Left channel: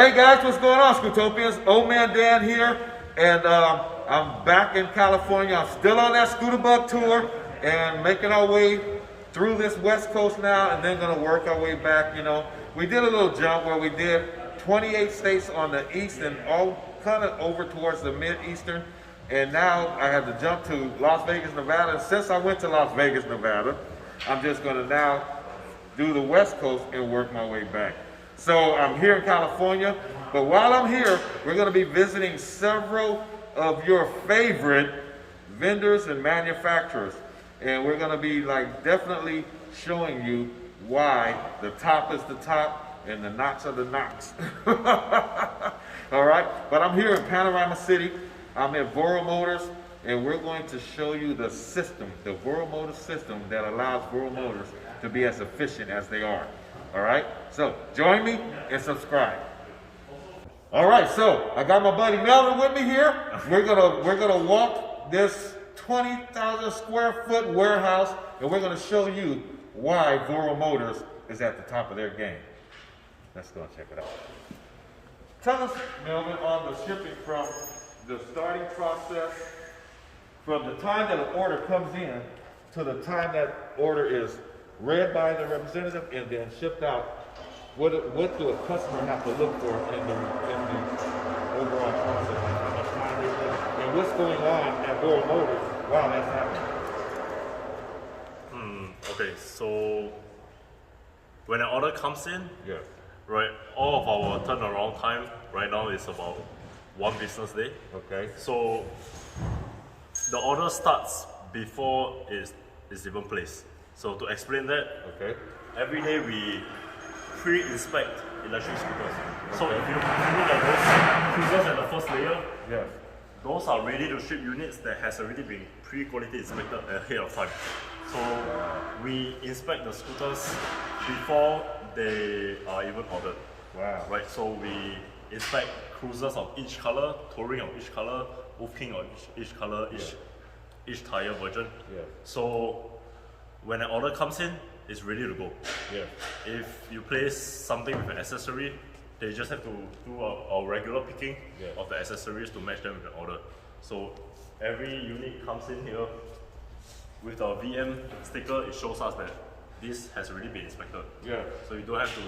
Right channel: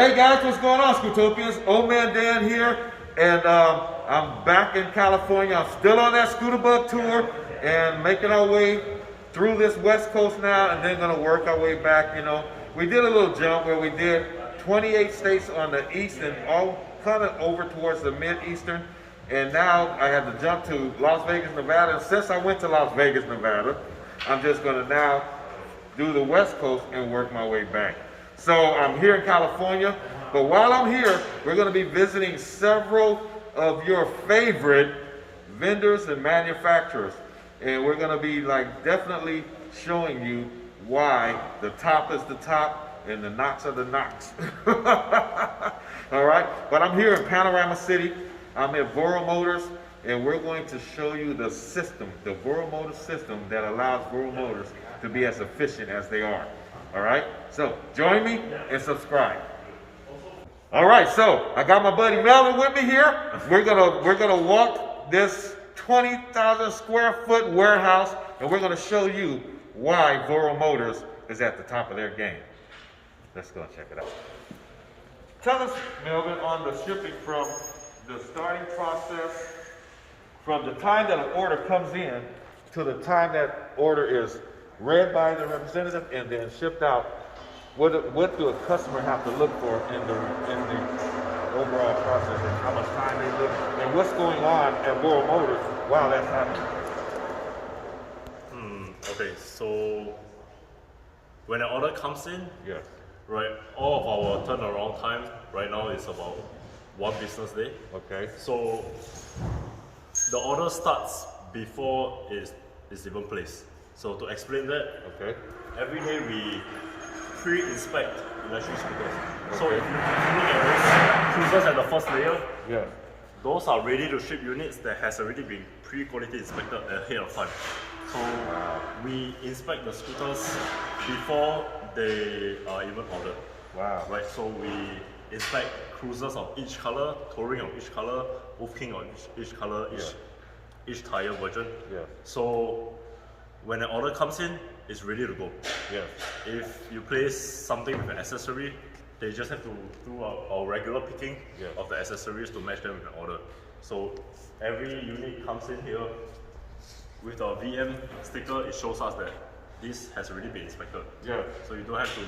Hey guys, what's going on, Scootopians? Old Man Dan here, and I'm back in California. I'm still on that Scooter Bug tour and making our way through this West Coast now, and then gonna work our way back. You know, we did a little jump where we did 28 states on the east and all kind of over towards the mid-eastern, and now I had to jump to Las Vegas, Nevada. And since I went to Las Vegas, Nevada, I'm just gonna now do the West Coast and work my way back. So I'm here in California, but while I'm here, we're going to be visiting several of your favorite vendors and manufacturers. And we're going to be definitely showing you why the top is the top and the knots are the knots. All right, but I'm here in Panorama City. I'm at Voro Motors, and we're going to show you the system, the Voro Motors system that allows Voro Motors to be as efficient as they are. All right, so join me and subscribe. All right, so I got my buddy Melvin with me here. We're gonna walk this 20,000 square foot warehouse, and we're gonna show you why Voro Motors is at the top of their game. Let's go and check it out. Tell us, Melvin, on the shipping from the starting process, from the time that an order comes in to the time that order is read by the representative and then shipped out. What do a customer have to look for in the overall process, and how much time they look, and what's going on at Voro Motors while that's happening? Okay, so when an order comes in, Yeah. right, all of our turnaround time right now is about 1 business day. Okay. So the order starts before it's even placed. So to explain that, Okay. every day we pre-inspect electric scooters. So Okay. if you look at those cruisers at the first layer, Yeah. those are ready to ship units that has already been pre-quality inspected ahead of time. So we inspect the scooters before they are even ordered. Wow. Right, so we inspect cruisers of each color, touring of each color, Wolf-King of each color, each tire version. Yeah. So when an order comes in, it's ready to go. Yeah. If you place something with an accessory, they just have to do our regular picking of the accessories to match them with the order. So every unit comes in here with a VM sticker. It shows us that this has already been inspected. Yeah. So you don't have to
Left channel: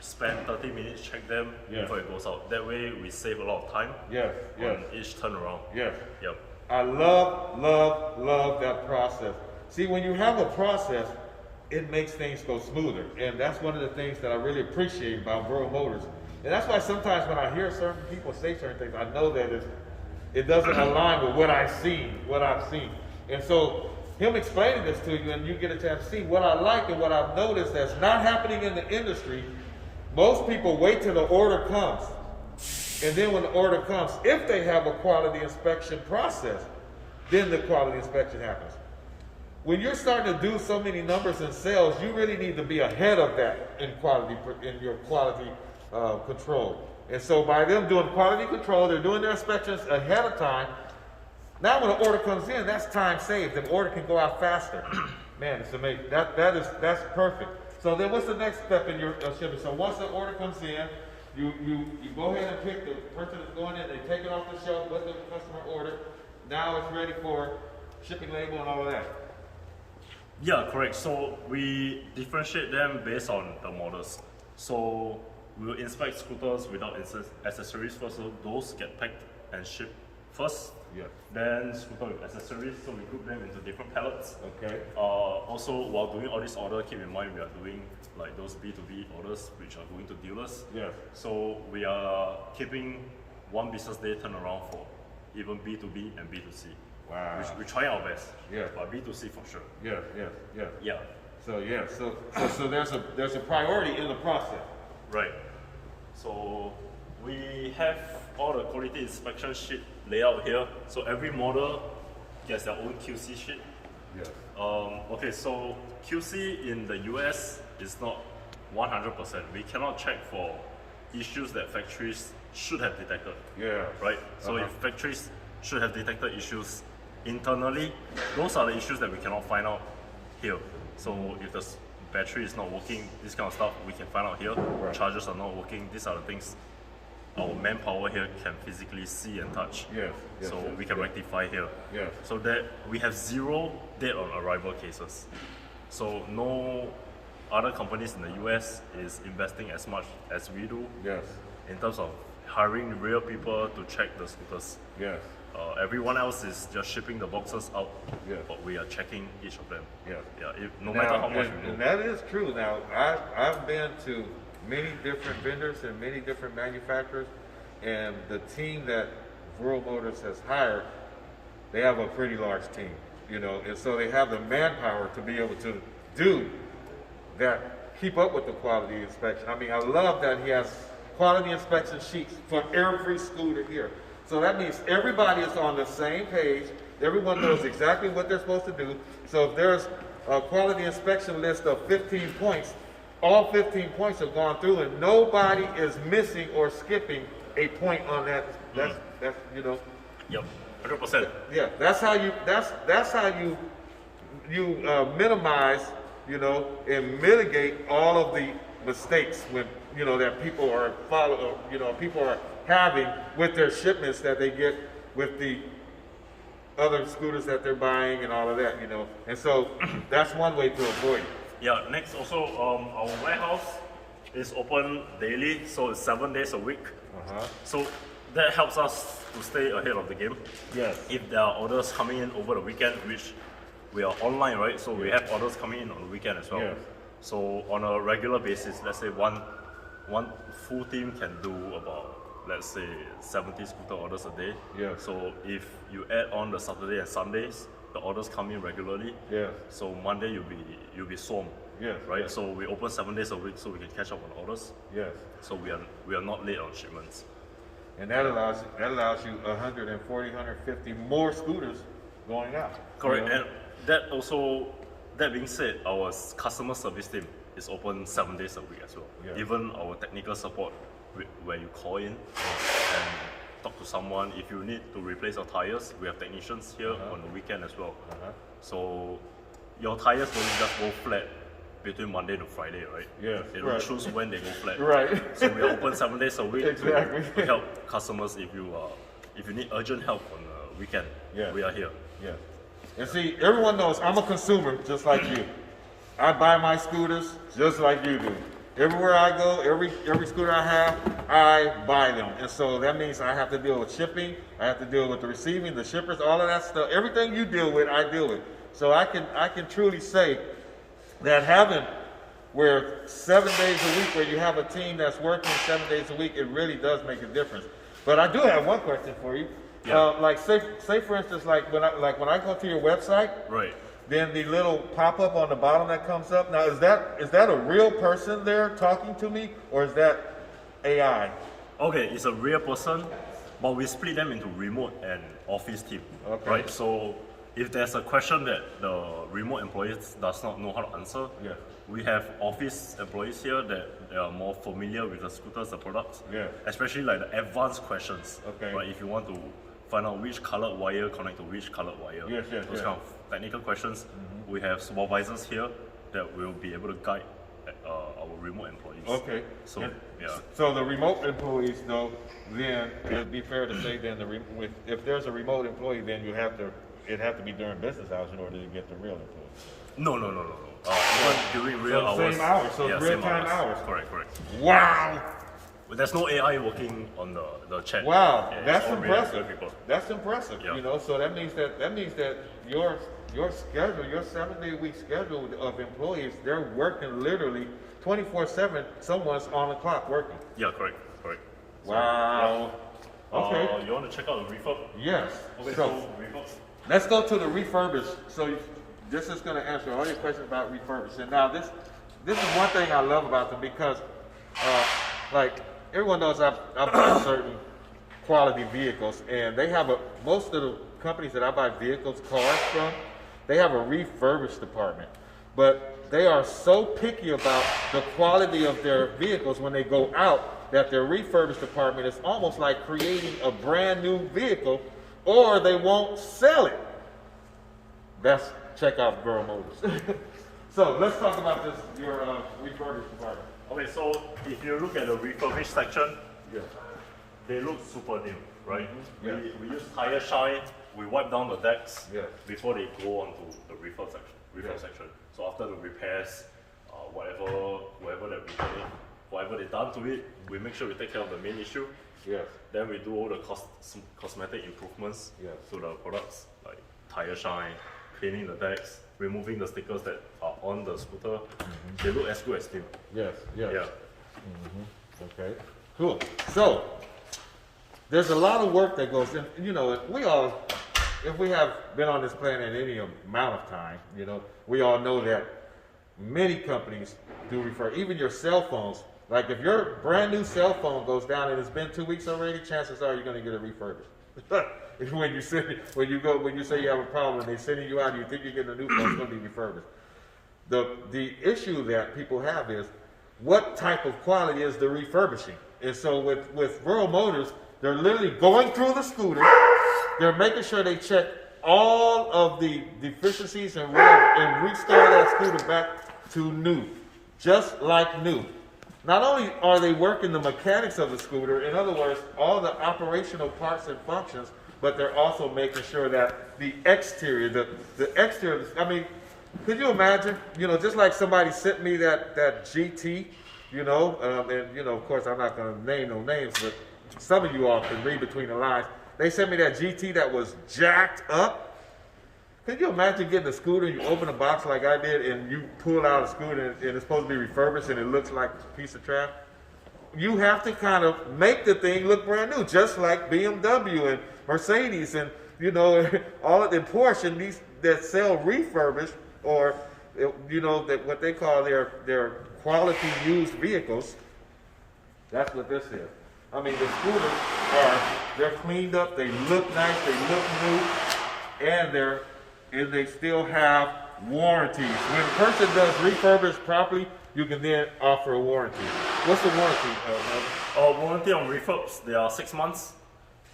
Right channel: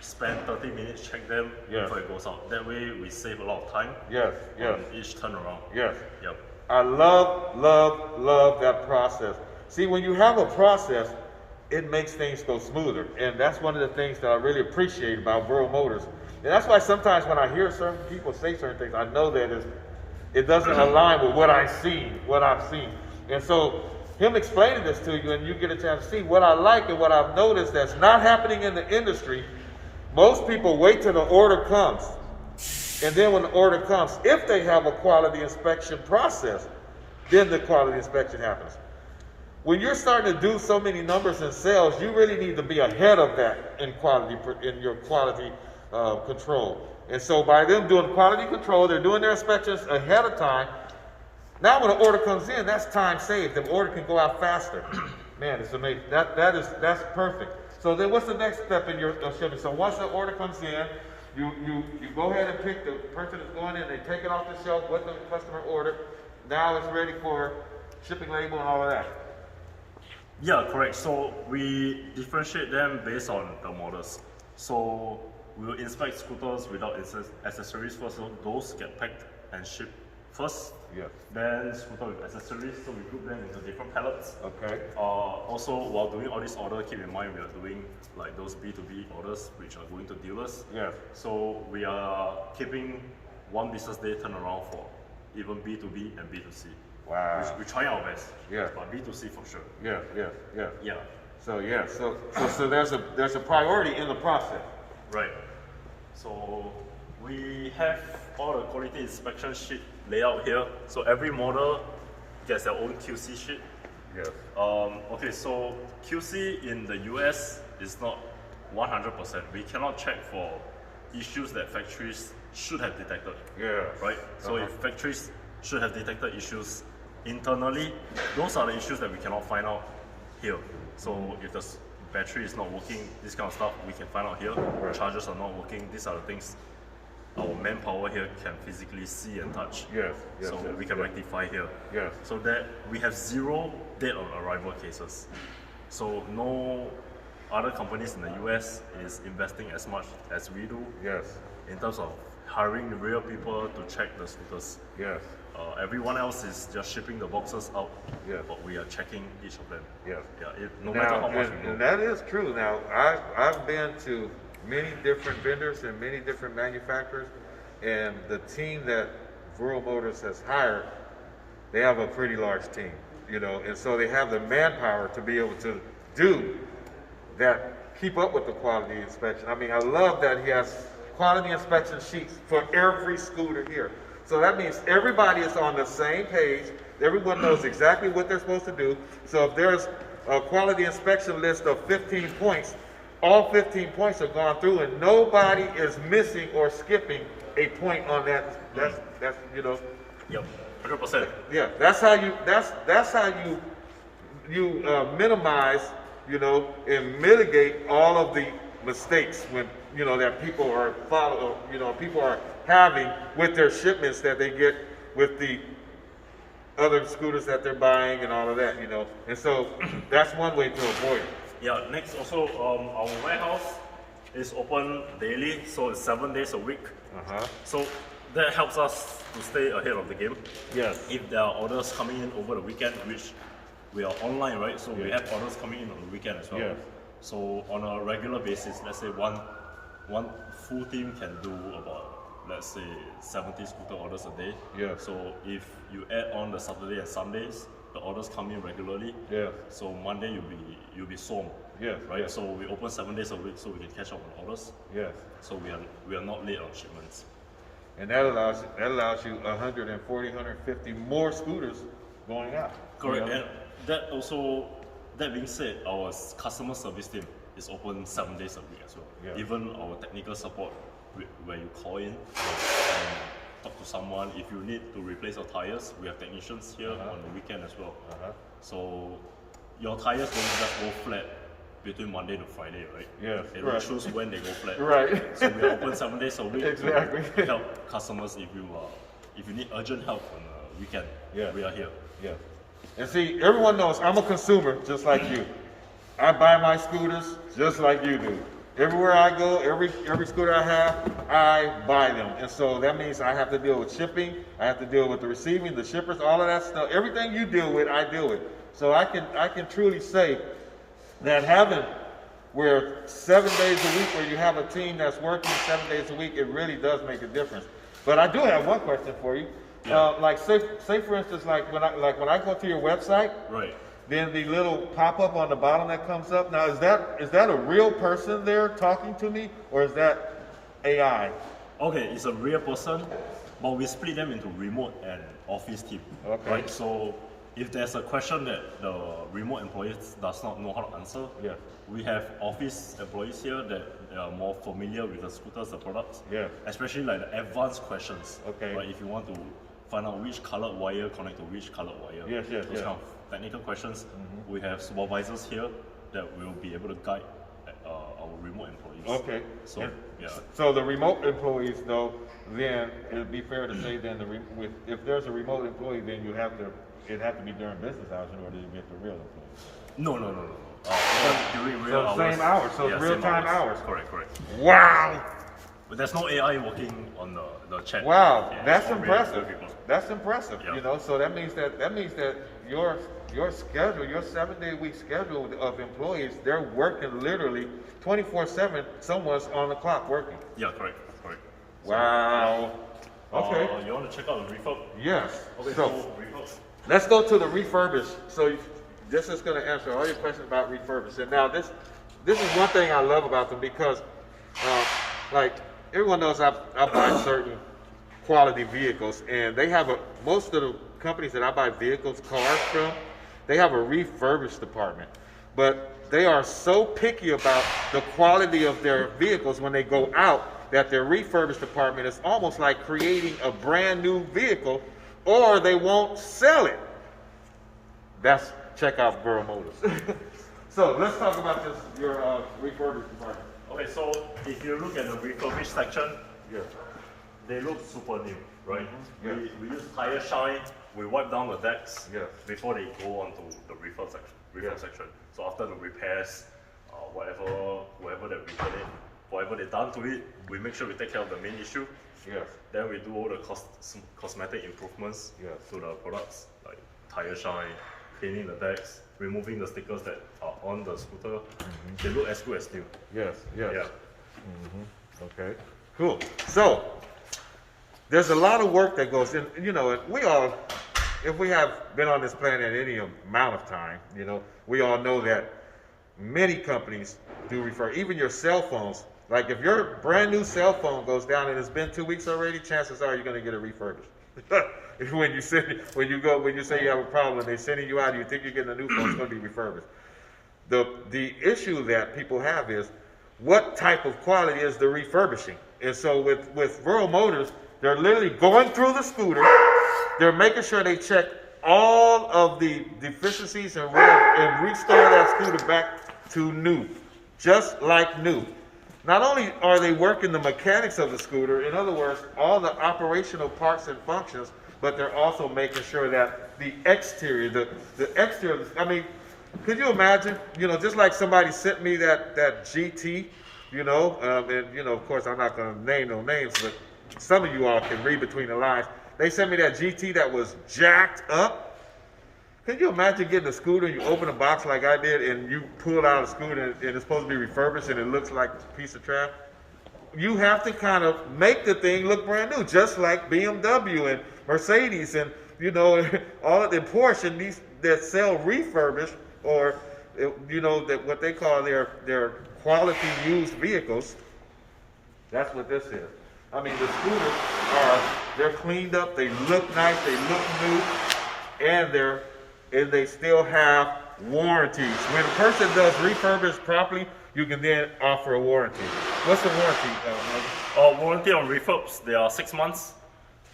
spend 30 minutes check them before it goes out. That way we save a lot of time Yeah. Yeah. on each turnaround. Yeah. Yep. I love that process. See, when you have a process, it makes things go smoother. And that's one of the things that I really appreciate about Voro Motors. And that's why sometimes when I hear certain people say certain things, I know that it doesn't align with what I've seen. And so him explaining this to you, and you get a chance to see what I like and what I've noticed that's not happening in the industry. Most people wait till the order comes. And then when the order comes, if they have a quality inspection process, then the quality inspection happens. When you're starting to do so many numbers in sales, you really need to be ahead of that in your quality control. And so by them doing quality control, they're doing their inspections ahead of time. Now when the order comes in, that's time saved. The order can go out faster. Man, it's amazing. That's perfect. So then what's the next step in your shipping? So once the order comes in, you go ahead and pick the person that's going in, they take it off the shelf, what the customer ordered. Now it's ready for shipping label and all of that. Yeah, correct. So we differentiate them based on the models. So we will inspect scooters without accessories first. So those get packed and shipped first. Yeah. Then scooter with accessories. So we group them into different pallets. Okay. Also, while doing all this order, keep in mind we are doing like those B2B orders, which are going to dealers. Yeah. So we are keeping 1 business day turnaround for even B2B and B2C. Wow. We're trying our best. Yeah. But B2C for sure. Yeah. Yeah. So there's a priority in the process. Right. So we have all the quality inspection sheet layout here. So every model gets their own QC sheet. Yeah. Okay, so QC in the US is not 100%. We cannot check for issues that factories should have detected. Yeah. Right? So if factories should have detected issues internally, those are the issues that we cannot find out here. So if the battery is not working, this kind of stuff we can find out here. Right. Chargers are not working, these are the things our manpower here can physically see and touch. Yes, yes, So yes, we can yes. rectify here. Yes. So that we have 0 dead on arrival cases. So no other companies in the US is investing as much as we do Yes, in terms of hiring the real people to check the scooters. yes, Everyone else is just shipping the boxes out, Yes. but we are checking each of them. yes. Yeah, no matter how much and, we and do. that is true. Now, I've been to many different vendors and many different manufacturers, and the team that Vural Motors has hired, they have a pretty large team, you know, and so they have the manpower to be able to do that, keep up with the quality inspection. I mean, I love that he has quality inspection sheets for every scooter here. So that means everybody is on the same page. Everyone knows exactly what they're supposed to do. So if there's a quality inspection list of 15 points, all 15 points have gone through and nobody is missing or skipping a point on that. That's you know, Yep, 100%. yeah, that's how you minimize, you know, and mitigate all of the mistakes when, you know, that people are people are having with their shipments that they get with the other scooters that they're buying and all of that, you know. And so that's one way to avoid it. Yeah, next also, our warehouse is open daily, so it's 7 days a week. So that helps us to stay ahead of the game. Yes. If there are orders coming in over the weekend, which we are online, right? So we Yeah. have orders coming in on the weekend as well. Yes. So on a regular basis, let's say one full team can do about, let's say, 70 scooter orders a day. Yeah. So if you add on the Saturday and Sundays, the orders come in regularly. Yeah. So Monday you'll be swamped. Yes, Right. yes. So we open 7 days a week so we can catch up on orders. Yes. So we are not late on shipments. And that allows you 140, 150 more scooters going out. Correct. You know? And that being said, our customer service team is open 7 days a week as well. Yeah. Even our technical support, where you call in and talk to someone. If you need to replace your tires, we have technicians here on the weekend as well. So your tires don't just go flat between Monday to Friday, right? Yes, They don't right. choose when they go flat. Right. So we are open 7 days a week Exactly. to help customers if you need urgent help on the weekend. Yeah. We are here. Yeah. And see, everyone knows I'm a consumer just like you. I buy my scooters just like you do. Everywhere I go, every scooter I have, I buy them. And so that means I have to deal with shipping, I have to deal with the receiving, the shippers, all of that stuff. Everything you deal with, I deal with. So I can truly say that having where 7 days a week, where you have a team that's working 7 days a week, it really does make a difference. But I do have one question for you. Yeah. Like say for instance, like when I go to your website, Right. then the little pop-up on the bottom that comes up. Now is that a real person there talking to me, or is that AI? Okay, it's a real person, but we split them into remote and office team. Okay. Right. So if there's a question that the remote employees does not know how to answer, Yeah. we have office employees here that they are more familiar with the scooters, the products. Yeah. Especially like the advanced questions. Okay. Right. If you want to find out which colored wire connect to which colored wire. Yes, yes, Those yes. kind of technical questions. We have supervisors here that will be able to guide our remote employees. Okay. So And yeah. So the remote employees, though, then it'd be fair to say then if there's a remote employee, then it'd have to be during business hours in order to get the real employees. No. Even during real the hours. same hours, so it's same real-time hours. Correct. Wow. But there's no AI working on the chat. Wow, Yeah, that's it's all real impressive. people. That's impressive. Yeah. You know, so that means that your schedule, your 7 day week schedule of employees, they're working literally 24/7. Someone's on the clock working. Yeah, correct. Wow. Okay. You want to check out the refurb? Yes. Okay, So so refurb. let's go to the refurbished. So this is going to answer all your questions about refurbished. And now this is one thing I love about them because, like everyone knows, I buy certain quality vehicles, and they have most of the companies that I buy cars from, they have a refurbished department, but they are so picky about the quality of their vehicles when they go out that their refurbished department is almost like creating a brand new vehicle, or they won't sell it. Check out Vural Motors. So let's talk about your refurbished department. Okay, so if you look at the refurbished section, Yeah. they look super new, right? Yeah. We use tire shine. We wipe down the decks Yeah. before they go onto the refill section. Section. So after the repairs, whatever that we put in, whatever they done to it, we make sure we take care of the main issue. Yes. Then we do all the cosmetic improvements Yes. to the products, like tire shine, cleaning the decks, removing the stickers that are on the scooter. They look as good as new. Yes. Yes. Yeah. Okay. Cool. So there's a lot of work that goes in. You know, we all, if we have been on this planet any amount of time, you know, we all know that many companies do refer. Even your cell phones. Like if your brand new cell phone goes down and it's been 2 weeks already, chances are you're going to get it refurbished. when you say you have a problem and they're sending you out and you think you're getting a new phone, it's going to be refurbished. The issue that people have is what type of quality is the refurbishing? And so with Rural Motors, they're literally going through the scooter, they're making sure they check all of the deficiencies and whatever and restore that scooter back to new, just like new. Not only are they working the mechanics of the scooter, in other words, all the operational parts and functions, but they're also making sure that the exterior, the exterior, I mean, could you imagine, you know, just like somebody sent me that GT, you know, and, you know, of course, I'm not going to name no names, but some of you all can read between the lines. They sent me that GT that was jacked up. Could you imagine getting a scooter, you open a box like I did, and you pull out a scooter and it's supposed to be refurbished and it looks like a piece of trash? You have to kind of make the thing look brand new, just like BMW and Mercedes and, you know, all of the Porsche and these that sell refurbished or, you know, that what they call their quality used vehicles. That's what this is. I mean, the scooters they're cleaned up, they look nice, they look new, and they still have warranties. When a person does refurbish properly, you can then offer a warranty. What's the warranty, Melvin? Warranty on refurbs, they are 6 months.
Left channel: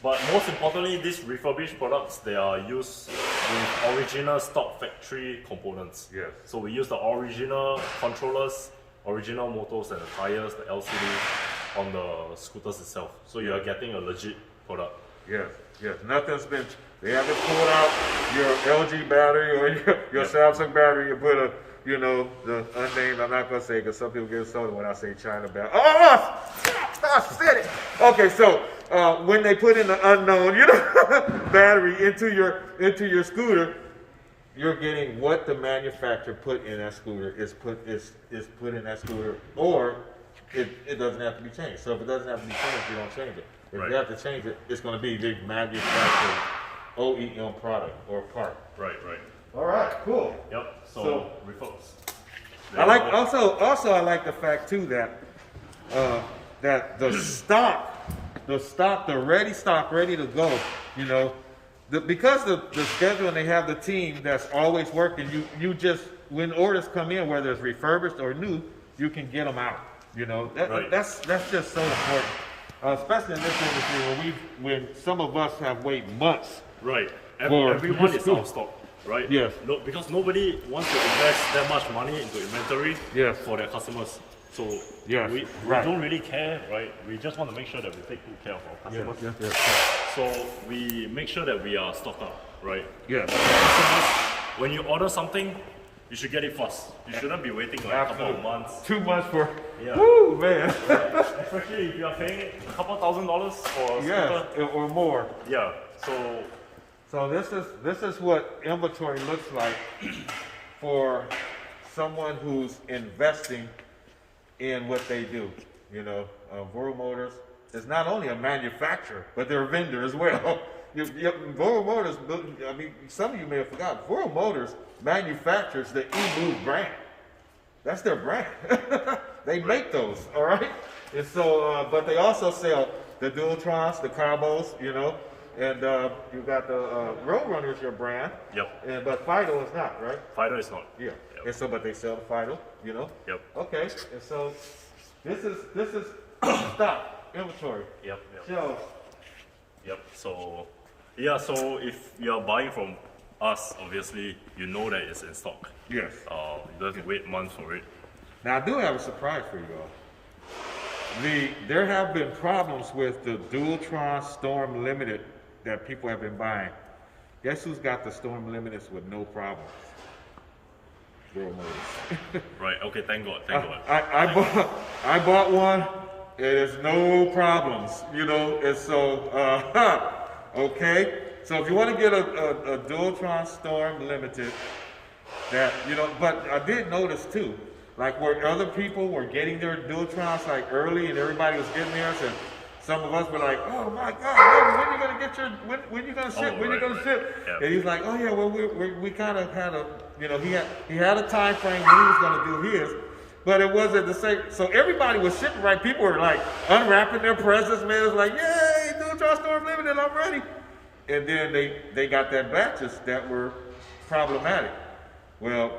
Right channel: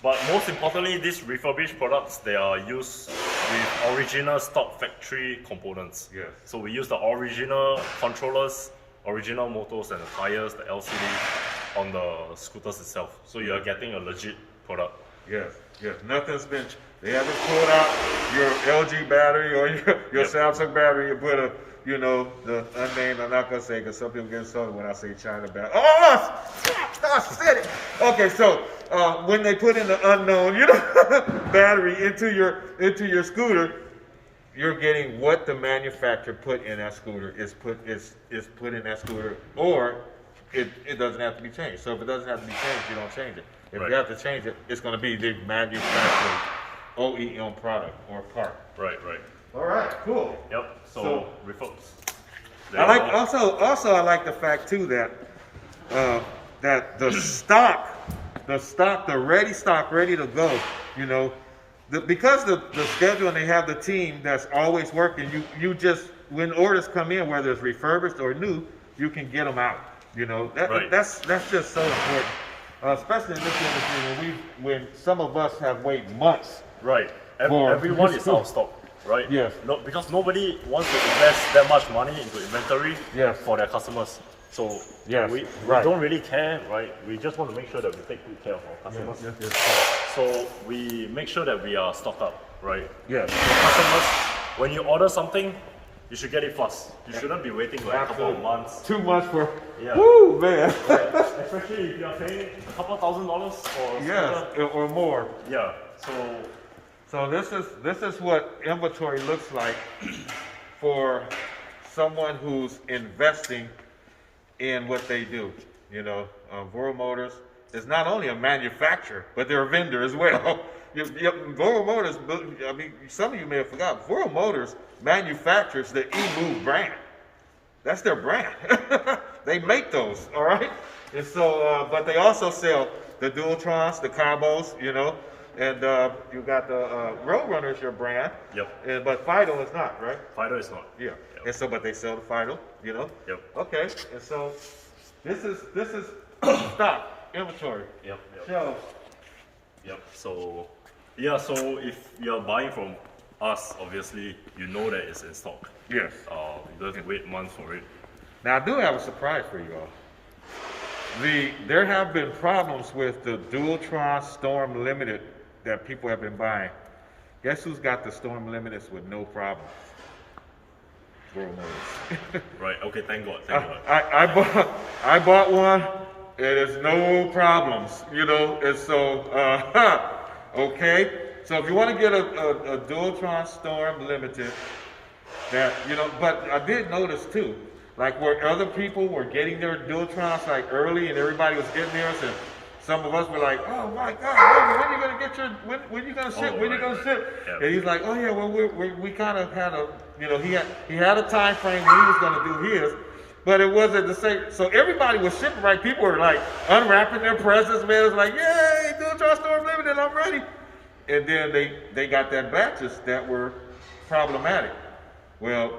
But most importantly, these refurbished products, they are used with original stock factory components. Yes. So we use the original controllers, original motors and the tires, the LCD on the scooters itself. So you are getting a legit product. Yes, yes. They haven't pulled out your LG battery or your Samsung battery and put the unnamed, I'm not going to say because some people get insulted when I say China battery. Oh, I said it. Okay, so when they put in the unknown, battery into your scooter, you're getting what the manufacturer put in that scooter is put in that scooter, or it doesn't have to be changed. So if it doesn't have to be changed, you don't change it. If you have to change it, it's going to be the manufacturer's OEM product or part. Right. All right, cool. Yep. So refurbs. I like I like the fact too that that the ready stock, ready to go. You know, because the schedule and they have the team that's always working. You just when orders come in, whether it's refurbished or new, you can get them out. You know, that's just so important, especially in this industry when some of us have waited months. Right. Everyone is out of stock. Right? Yes. No, because nobody wants to invest that much money into inventory for their customers. So we don't really care, right? We just want to make sure that we take good care of our customers. So we make sure that we are stocked up, right? Yes. For customers, when you order something, you should get it fast. You shouldn't be waiting like a couple of months. 2 months for, yeah. Woo, man. Right. Especially if you are paying a couple $1,000s for a scooter. Or more. Yeah. So this is what inventory looks like for someone who's investing in what they do. You know, Rural Motors is not only a manufacturer, but they're a vendor as well. Rural Motors, I mean, some of you may have forgotten, Rural Motors manufactures the eMove brand. That's their brand. They make those, all right? And so, but they also sell the Dualtrons, the Combos, you know, and you got the Roadrunner is your brand. Yep. But Fido is not, right? Fido is not. Yeah. Yep. And so, but they sell the Fido, you know. Yep. Okay. And so, this is stock inventory. Yep. So. Yep. So, yeah. So if you're buying from us, obviously you know that it's in stock. Yes. You don't have to wait months for it. Now I do have a surprise for you all. there have been problems with the Dualtron Storm Limited that people have been buying. Guess who's got the Storm Limiteds with no problem? World Motors. Right. Okay. Thank God. Thank God. I bought one. It is no problems, you know. And so, okay. So if you want to get a Dualtron Storm Limited, that you know, but I did notice too, like where other people were getting their Dualtrons like early, and everybody was getting theirs, and some of us were like, "Oh my God, when you gonna get your? When you gonna ship? When you gonna ship?" Yeah. And he's like, "Oh yeah, well we kind of had a, you know, he had a time frame when he was gonna do his." But it wasn't the same. So everybody was shipping right. People were like unwrapping their presents. Man, it was like, "Yay, Dualtron Storm Limited, I'm ready." And then they got that batches that were problematic. Well,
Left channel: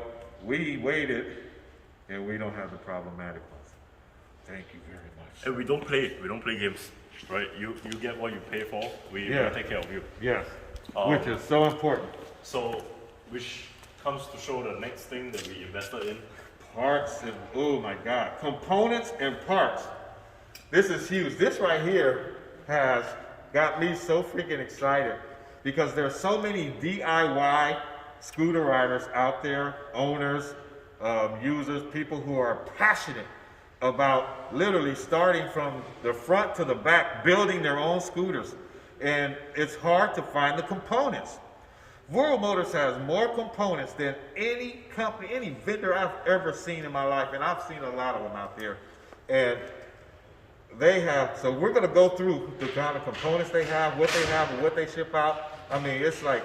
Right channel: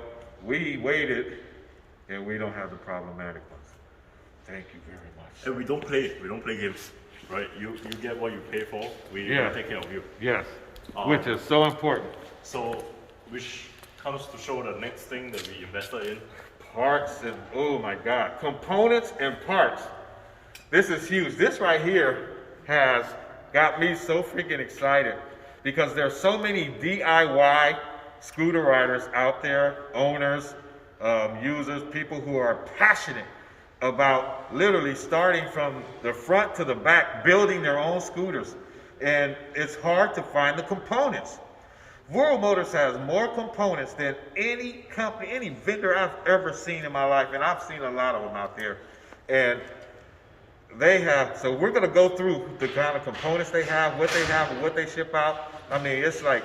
we waited, and we don't have the problematic ones. Thank you very much. And we don't play games, right? You get what you pay for. We take care of you. Yes, which is so important. So, which comes to show the next thing that we invested in. Parts and, oh my God, components and parts. This is huge. This right here has got me so freaking excited because there's so many DIY scooter riders out there, owners, users, people who are passionate about literally starting from the front to the back, building their own scooters. And it's hard to find the components. World Motors has more components than any company, any vendor I've ever seen in my life, and I've seen a lot of them out there. And they have, so we're going to go through the kind of components they have, and what they ship out. I mean, it's like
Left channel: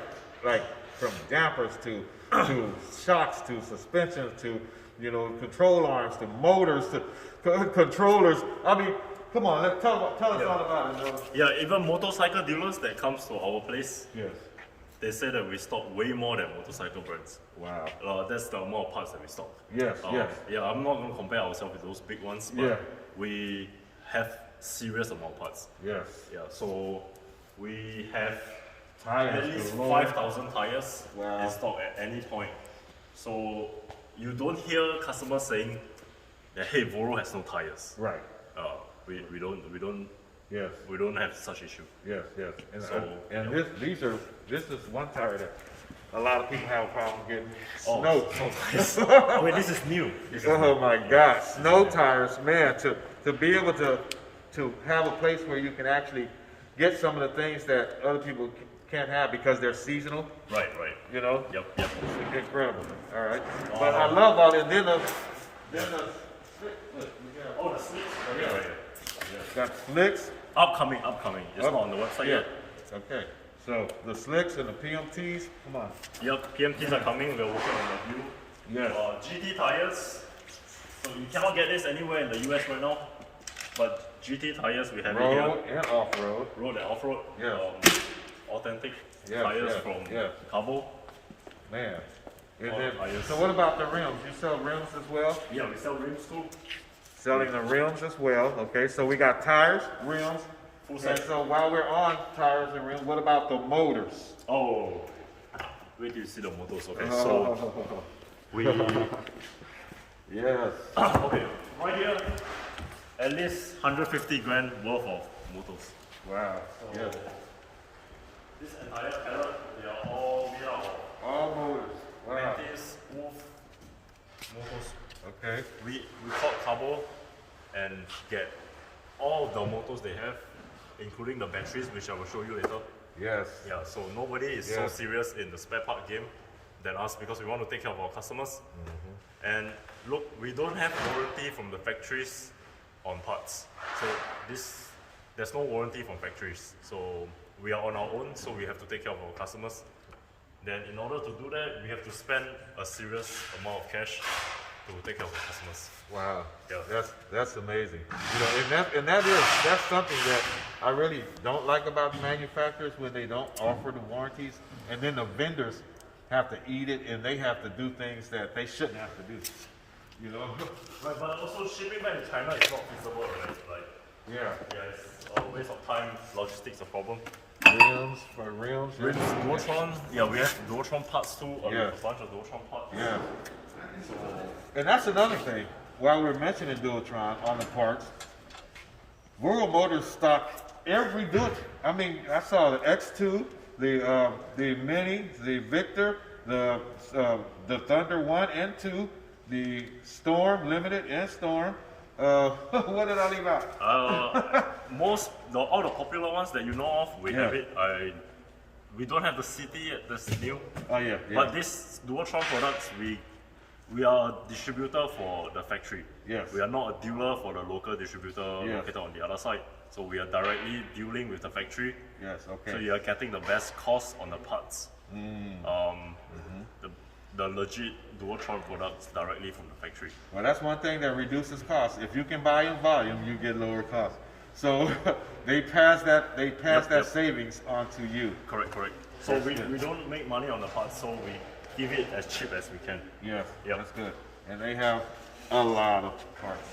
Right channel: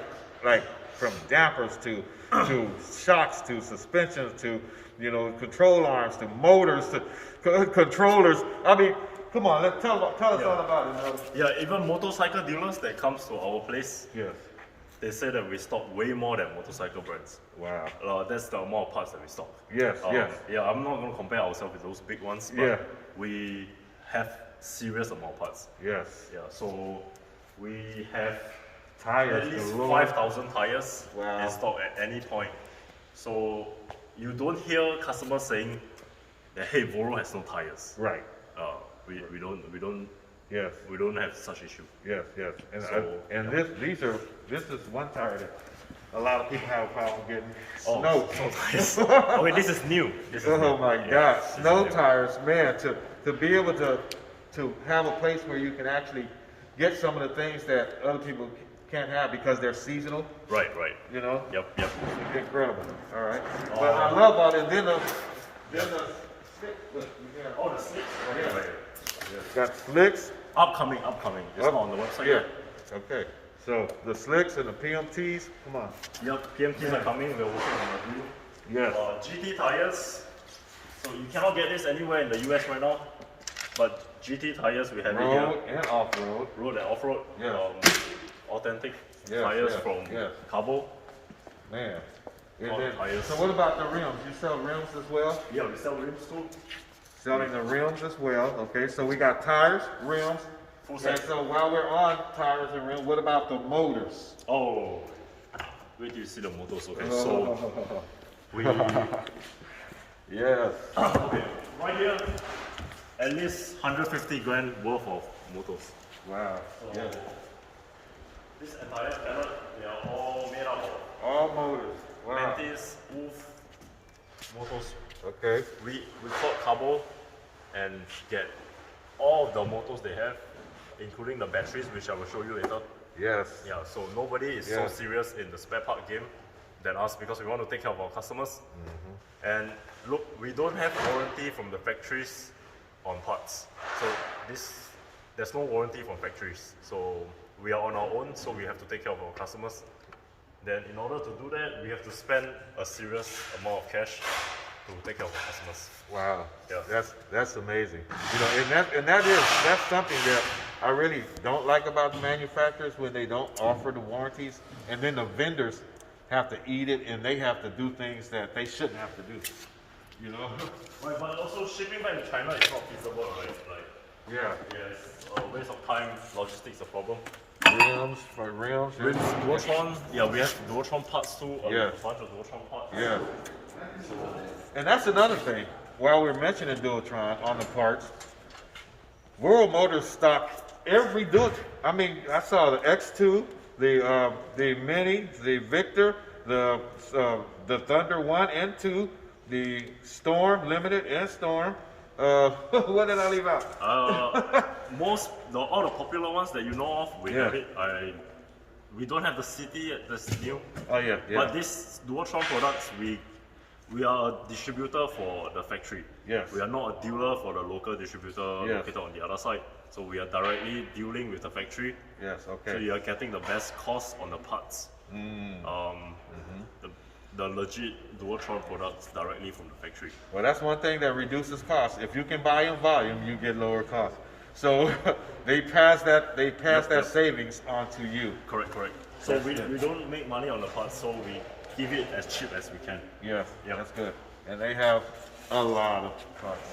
from dampers to shocks to suspensions to, you know, control arms to motors to controllers. I mean, come on, tell us all about it. Yeah, even motorcycle dealers that comes to our place. Yes. They say that we stock way more than motorcycle brands. Wow. That's the amount of parts that we stock. Yes, yes. Yeah, I'm not going to compare ourselves with those big ones, but we have serious amount of parts. Yes. Yeah, so we have Tires at least galore. 5,000 tires Wow. in stock at any point. So you don't hear customers saying that, hey, Voro has no tires. Right. We don't Yes. we don't have such issue. Yes, yes. And, So, this is one tire that a lot of people have a problem getting. Oh, Snow. tires. Oh wait, this is new. This is Oh new. my Yeah, God, this is snow new. tires, man! To be able to have a place where you can actually get some of the things that other people can't have because they're seasonal. Right. You know, Yep. incredible. All right, but I love all this. Then the stick, look, you got, Oh, the slicks right here, right here. got slicks. Upcoming. It's Up- not on the website Yeah. yet. Okay. So the slicks and the PMTs. Come on. Yep, PMTs are coming. We're working on a review. Yes. GT tires. So you cannot get this anywhere in the US right now. But GT tires, we have it here. Road and off road. Road and off road. Yeah. Authentic Yes, tires yes, from yes. Cabo. Man. And All then, tires. so what about the rims? You sell rims as well? Yeah, we sell rims too. Selling the rims as well. Okay, so we got tires, rims. Full And set. so while we're on tires and rims, what about the motors? Oh, wait till you see the motors. Okay, so we Yes. okay right here, at least 150 grand worth of motors. Wow. So Yes. this entire pallet, they are all made up of All motors. Wow. Mantis, Wolf motors. Okay. We called Cabo and get all the motors they have, including the batteries, which I will show you later. Yes. Yeah, so nobody is so Yes. serious in the spare part game than us because we want to take care of our customers. And look, we don't have warranty from the factories on parts. So there's no warranty from factories. So we are on our own, so we have to take care of our customers. Then in order to do that, we have to spend a serious amount of cash to take care of our customers. Wow. Yeah. That's amazing. You know, that's something that I really don't like about the manufacturers when they don't offer the warranties, and then the vendors have to eat it and they have to do things that they shouldn't have to do. You know? Right, but also shipping back to China is not feasible, right? Like, Yeah. it's a waste of time, logistics a problem. Rims for rims. Rims, Dualtron, yeah, we have Dualtron parts too, Yeah. a bunch of Dualtron parts. Yeah. So, And that's another thing. While we're mentioning Dualtron on the parts, World Motors stock every dual. I mean, I saw the X2, the Mini, the Victor, the Thunder 1 and 2, the Storm Limited and Storm. What did I leave out? All the popular ones that you know of, we Yeah. have it. We don't have the city yet, that's new. Oh yeah, yeah. But these Dualtron products, we are a distributor for the factory. Yes. We are not a dealer for the local distributor Yes. located on the other side. So we are directly dealing with the factory. Yes, okay. So you are getting the best cost on the parts. The legit Dualtron products directly from the factory. Well, that's one thing that reduces costs. If you can buy in volume, you get lower costs. So they pass that Yep. savings on to you. Correct. So That's we good. don't make money on the parts, so we give it as cheap as we can. Yes, Yep. that's good. And they have a lot of parts.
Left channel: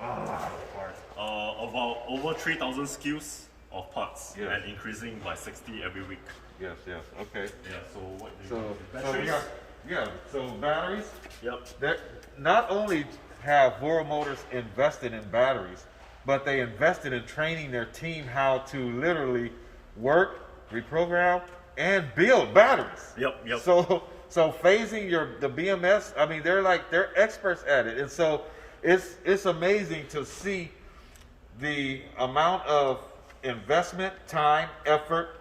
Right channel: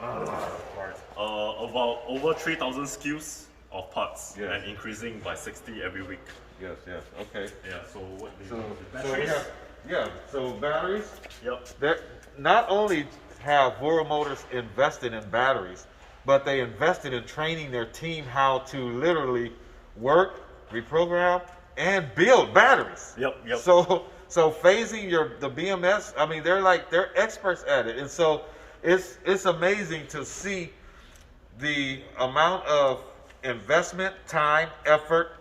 A lot of parts. About over 3,000 SKUs of parts Yes. and increasing by 60 every week. Yes, okay. Yeah, so what do you So, want? so Batteries? so batteries. Yep. That not only have World Motors invested in batteries, but they invested in training their team how to literally work, reprogram, and build batteries. Yep. So phasing the BMS, I mean they're experts at it, and so it's amazing to see the amount of investment, time, effort,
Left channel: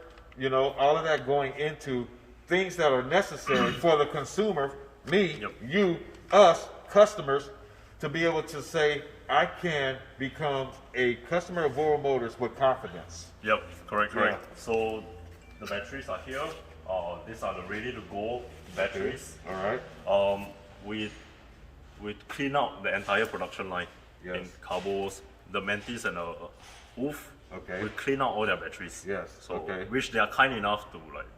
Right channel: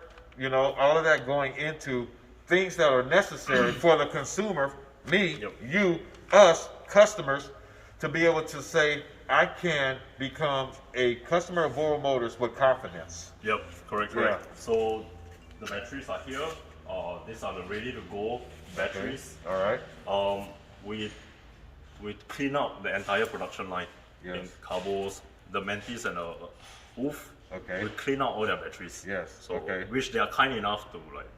all of that going into things that are necessary for the consumer, me, Yep. you, us, customers, to be able to say, I can become a customer of World Motors with confidence. Yep, correct. Yeah. So the batteries are here. These are the ready to go batteries. All right. We clean out the entire production line Yes. in Carbos, the Mantis and Oof. Okay. We clean out all their batteries. Yes, So okay. which they are kind enough to like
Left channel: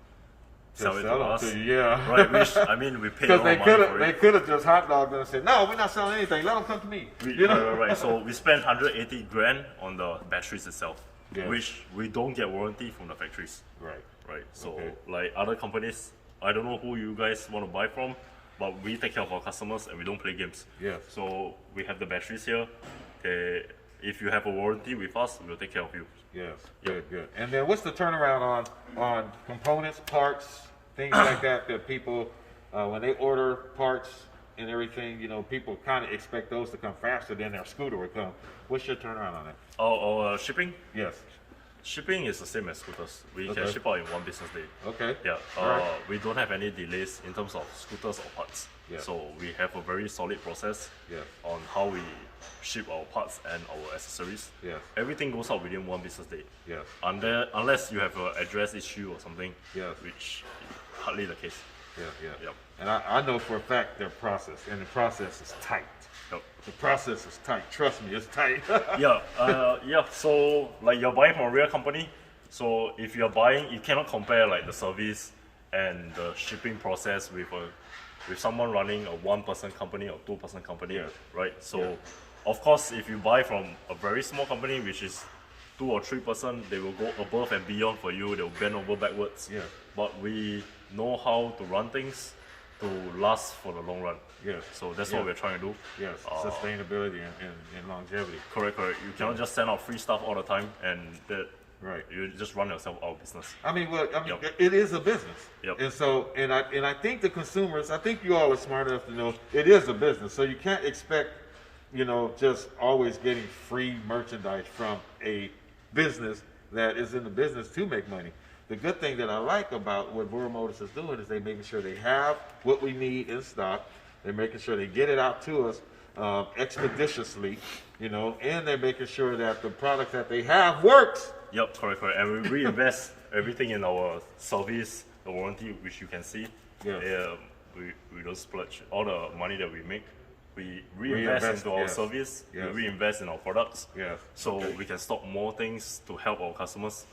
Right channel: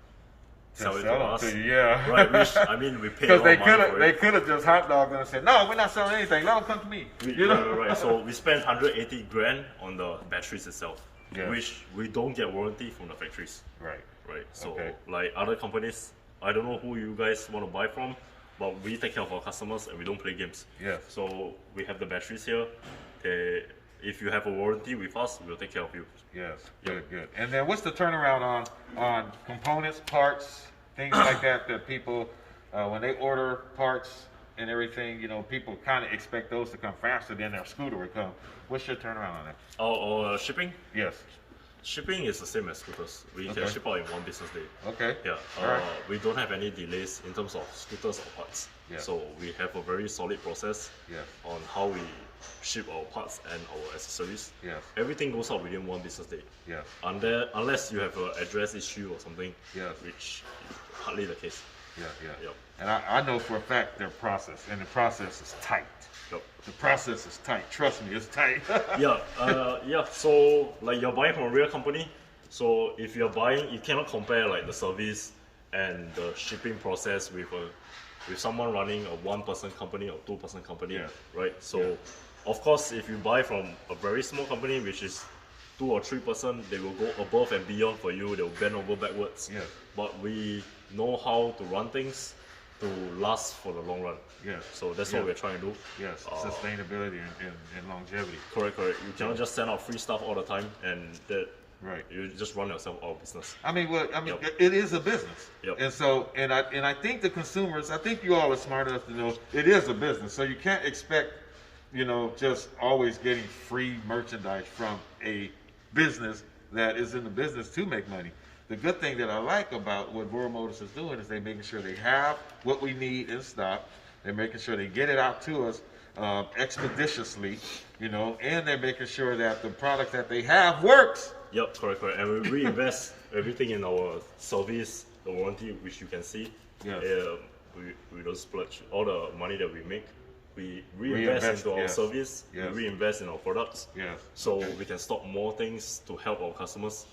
sell it to them us. to you, yeah. Right. Which I mean we pay a Because lot they of money could for have it. just hot dogged them and said, no, we're not selling anything. Let them come to me. Right. So we spent 180 grand on the batteries itself, Yeah. which we don't get warranty from the factories. Right. Right. So Okay. like other companies, I don't know who you guys want to buy from, but we take care of our customers and we don't play games. Yes. So we have the batteries here. If you have a warranty with us, we'll take care of you. Yes. Yep. Good. And then what's the turnaround on components, parts, things like that people when they order parts and everything, people kind of expect those to come faster than their scooter would come. What's your turnaround on that? Our shipping? Yes. Shipping is the same as scooters. We Okay. can ship out in one business day. Okay. Yeah. All right. We don't have any delays in terms of scooters or parts. Yeah. So we have a very solid process Yeah. on how we ship our parts and our accessories. Yes. Everything goes out within one business day. Yes. Unless you have an address issue or something, Yes. which hardly the case. Yeah. Yep. And I know for a fact their process, and the process is tight. Yep. The process is tight. Trust me, it's tight. Yeah. So like you're buying from a real company. So if you're buying, you cannot compare like the service and the shipping process with someone running a one-person company or two-person company, Yeah. right? So of course, if you buy from a very small company, which is 2 or 3 person, they will go above and beyond for you. They will bend over backwards. Yeah. But we know how to run things to last for the long run. Yes. So that's Yeah. what we're trying to do. Yes, sustainability and longevity. Correct. You cannot just send out free stuff all the time and that Right. you just run yourself out of business. Yep. It is a business. Yep. And so, and I think the consumers, I think you all are smart enough to know it is a business. So you can't expect, just always getting free merchandise from a business that is in the business to make money. The good thing that I like about what World Motors is doing is they're making sure they have what we need in stock. They're making sure they get it out to us expeditiously, and they're making sure that the product that they have works. Yep, correct. And we reinvest everything in our service, the warranty, which you can see. Yeah. We don't splurge. All the money that we make, we reinvest into our yes. service. Yes. We reinvest in our products. Yes. So Okay. we can stock more things to help our customers.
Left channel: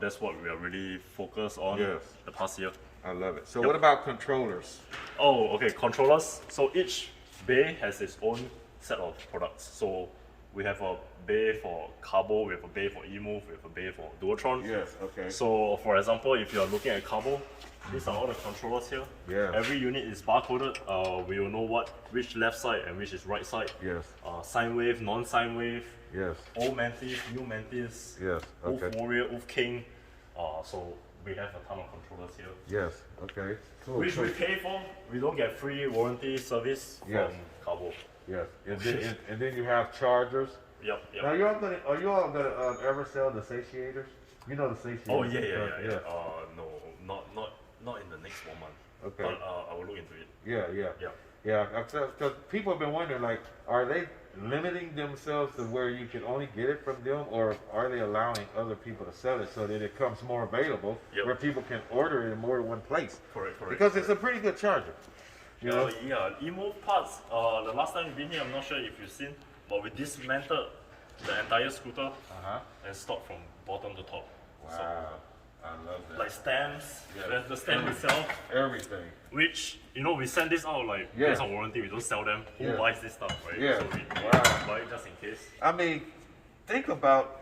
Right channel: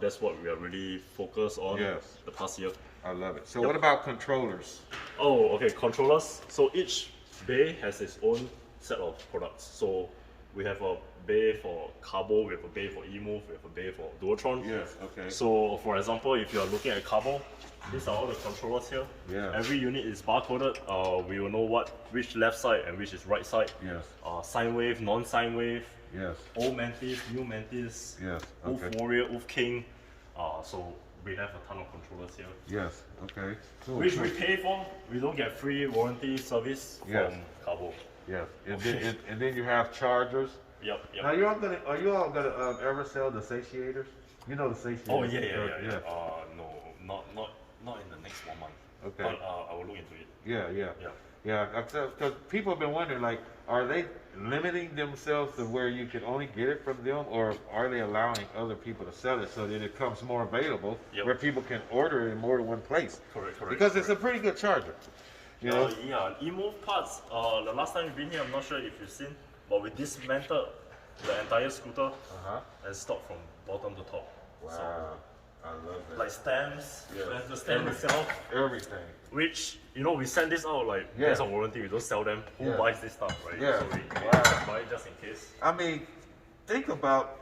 That's what we are really focused on Yes. the past year. I love it. So Yep. what about controllers? Oh, okay. Controllers. So each bay has its own set of products. So we have a bay for Carbo, we have a bay for eMove, we have a bay for Dualtron. Yes, okay. So for example, if you are looking at Carbo, these are all the controllers here. Yeah. Every unit is barcoded. We will know which left side and which is right side. Yes. Sine wave, non-sine wave. Yes. Old Mantis, new Mantis, Yes. Wolf Okay. Warrior, Wolf King. So we have a ton of controllers here. Yes. Okay. Cool. Which cool. we pay for. We don't get free warranty service Yes. from Cabo. Yes. And then you have chargers. Yep, yep. Now are you all gonna ever sell the satiators? You know the satiators. Oh yeah. No, not in the next 1 month. Okay. But I will look into it. Yeah. Yeah. Because people have been wondering, like, are they limiting themselves to where you can only get it from them, or are they allowing other people to sell it so that it becomes more available, Yep. where people can order it in more than one place? Correct. Because it's a pretty good charger. You know? Yeah, eMove parts. The last time you've been here, I'm not sure if you've seen, but we dismantled the entire scooter Uh-huh. and stopped from bottom to top. Wow. I love that. Like stamps, Yeah. the stamp itself, Everything. which we send this out like Yeah. based on warranty. We don't sell them. Who Yeah. buys this stuff, right? Yeah. So we Wow. buy it just in case. I mean, think about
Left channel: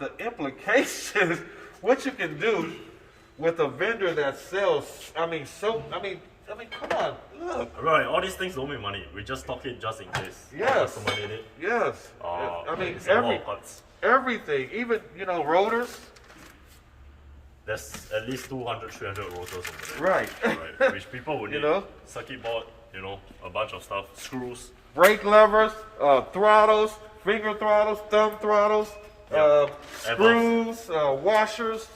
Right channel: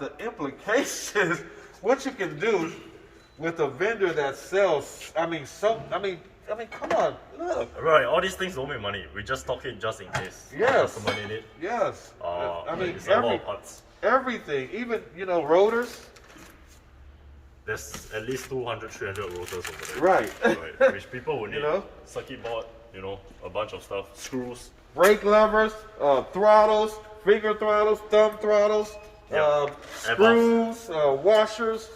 the implications. What you can do with a vendor that sells. I mean, come on, look. Right, all these things don't make money. We just stock it just in case. Yes. Customer need it. Yes. I mean, it's a lot of parts. everything, even rotors. There's at least 200, 300 rotors over there. Right. Right. Which people would need. know? Circuit board, a bunch of stuff. Screws. Brake levers, throttles, finger throttles, thumb throttles, Yep. screws, washers,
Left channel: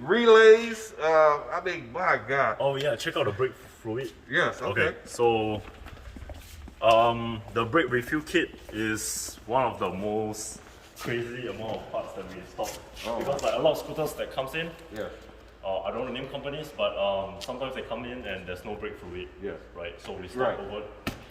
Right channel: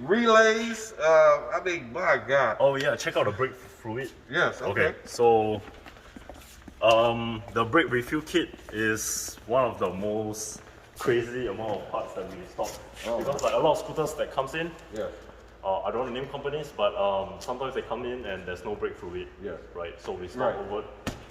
relays. I mean, my God. Oh yeah, check out the brake fluid. Yes. Okay. So the brake refill kit is one of the most crazy amount of parts that we stock. Oh. Because like a lot of scooters that comes in, Yes. I don't want to name companies, but sometimes they come in and there's no brake fluid. Yes. Right. So we stock Right. over.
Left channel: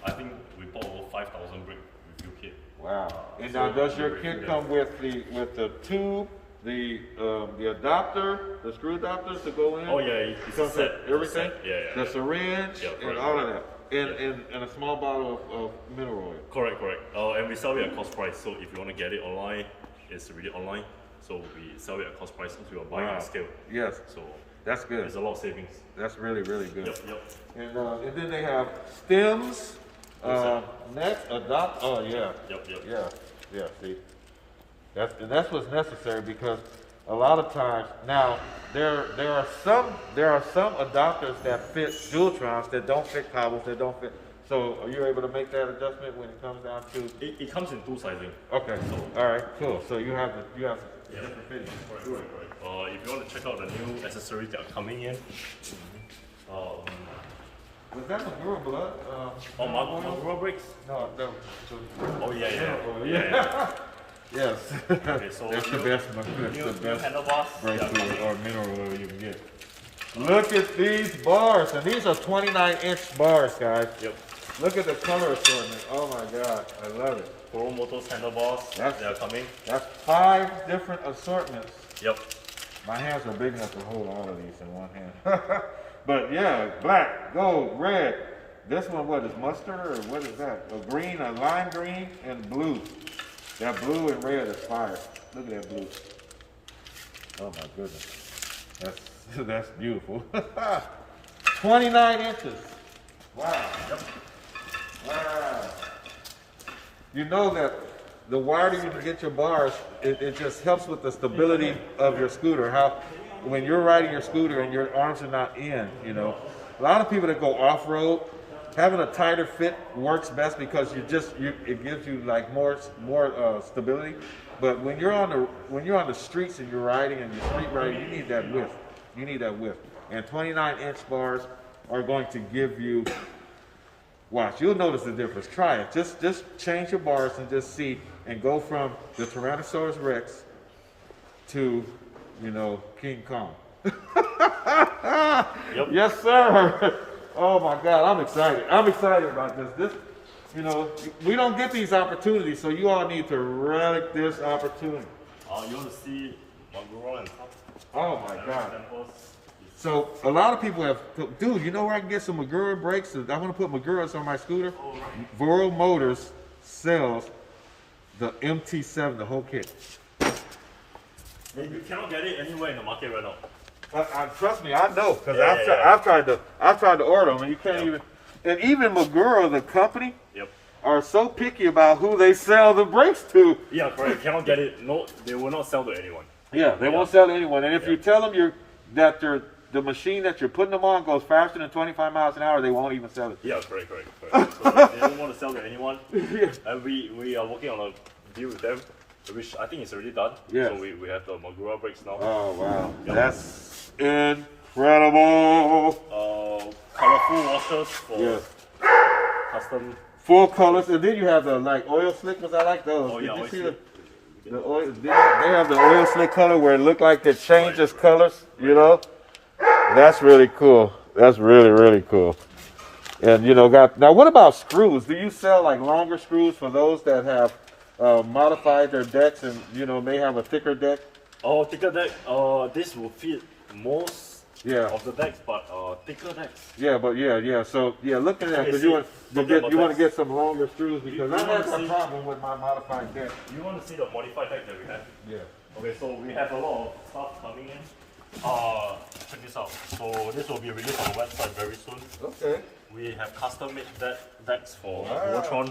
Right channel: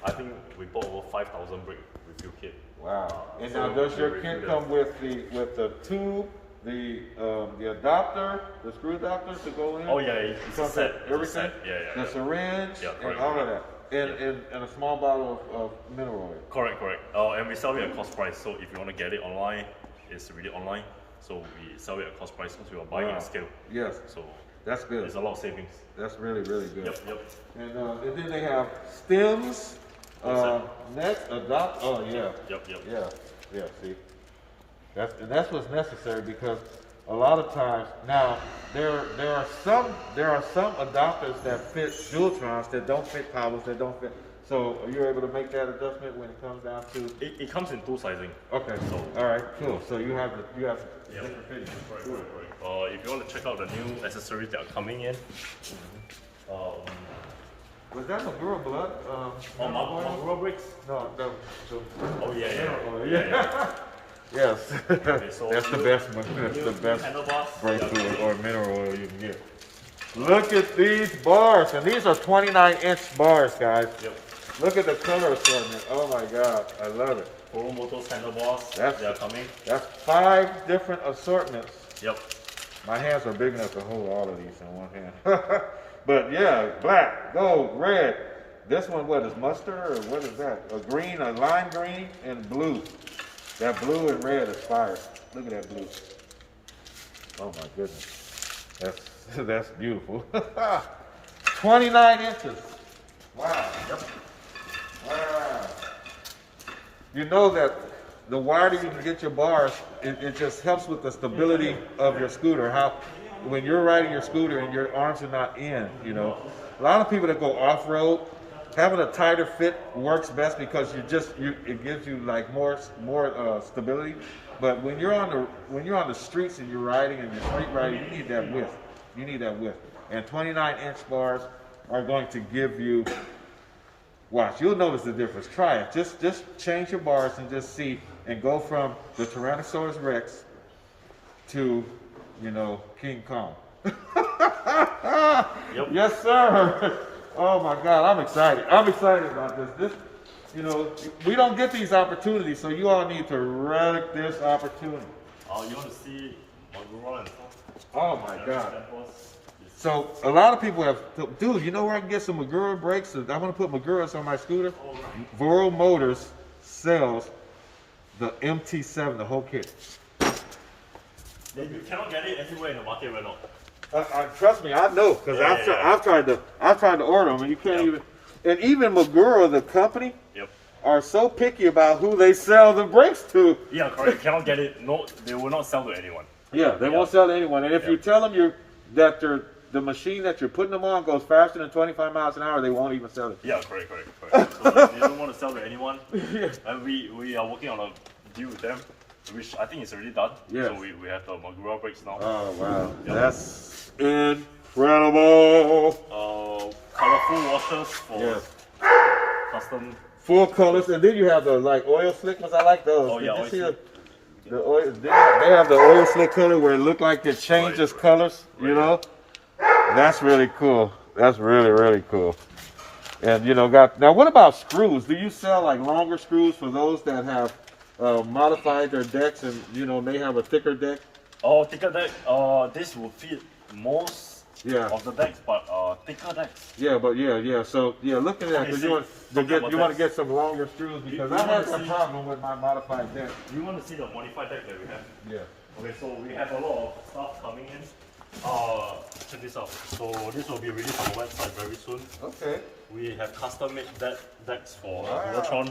I think we bought over 5,000 brake refill kit. Wow. And So now, does your we kit refill come with the tube, the adapter, the screw adapters to go in? Oh yeah, it's a Comes set. with It's a everything. set. Yeah. The syringe Yeah, and correct, all of correct. that, and a small bottle of mineral oil. Correct. And we sell it at cost price. So if you want to get it online, it's really online. So we sell it at cost price since we are buying Wow. at scale. Yes, So that's good. there's a lot of savings. That's really good. Yep. And then they have stems, next adopt. Oh yeah. Yep. Yeah. See, that's what's necessary, because a lot of times now there are some adopters that fit Dualtrons that don't fit Cabos, that don't fit. So are you able to make that adjustment when it comes down to? It comes in two sizing. Okay. So- All right. Cool. So you have Yep. different fittings. Correct. If you want to check out the new accessories that are coming in, Was that Magura blood? Magura brakes. No. Oh yeah. Mineral oil, yeah. Yes. So That's the new- best one. That's new the best handlebars. brake Yeah. fluid or mineral oil you can get. Look at these bars, and these are 29-inch bars, guys. Yep. Look at the color assortment. Oh my God, I love it. Pro Motors handlebars. That's- They are coming. That's 5 different assortments. Yep. My hands are big enough to hold all of these in one hand. But yeah, black, gold, red. This one, what is mustard, or what is that? A green, a lime green, and blue. That blue and red is fire. Look at that blue. Oh my goodness. That's beautiful. 29 inches. Wow. Yep. Wow. You know that the wider you can get your bars, it just helps with the stability of your scooter. How, when you're riding your scooter and your arms are not in, A lot of people that go off-road, having a tighter fit works best, because it gives you like more stability. But when you're on the streets and you're riding and you're street riding, you need that width. And 29-inch bars are going to give you. Watch, you'll notice the difference. Try it. Just change your bars and just see, and go from the Tyrannosaurus Rex to, King Kong. Yep. Yes, sir. Oh my God, I'm excited. I'm excited about this. We don't get these opportunities, so you all need to relic this opportunity. You want to see Magura and stuff? Oh my God. Samples? So a lot of people have, dude, you know where I can get some Magura brakes? I want to put Maguras on my scooter. Oh, right. Voro Motors sells the MT7, the whole kit. You cannot get it anywhere in the market right now. Trust me, I know, because Yeah. I've tried to order them, and you can't even. And even Magura, the company, Yep. are so picky about who they sell the brakes to. Yeah, correct. Cannot get it. No, they will not sell to anyone. Yeah, they won't sell to anyone. And if you tell them that the machine that you're putting them on goes faster than 25 miles an hour, they won't even sell it. Yeah, correct. So they don't want to sell to anyone. And we are working on a deal with them, which I think is already done. Yeah. So we have the Magura brakes now. Oh wow, that's incredible. Colorful washers for Yeah. custom. 4 colors, and then you have the like oil slick ones. I like those. Oh, yeah, Did you oil see slick. the oil? They have the oil slick color where it look like it changes colors. You know, that's really cool. That's really cool. And you know, now what about screws? Do you sell like longer screws for those that have modified their decks and you know may have a thicker deck? Oh, thicker deck. This will fit most Yeah. of the decks, but thicker decks. Yeah, but yeah. So yeah, look at that Okay, because see, you want to get some longer screws because you I wanna have a see- problem with my modified deck. You want to see the modified deck that we have? Yeah. Okay, so we have a lot of stuff coming in. Check this out. So this will be released on the website very soon. Okay. We have custom made decks for Wow. Voltron.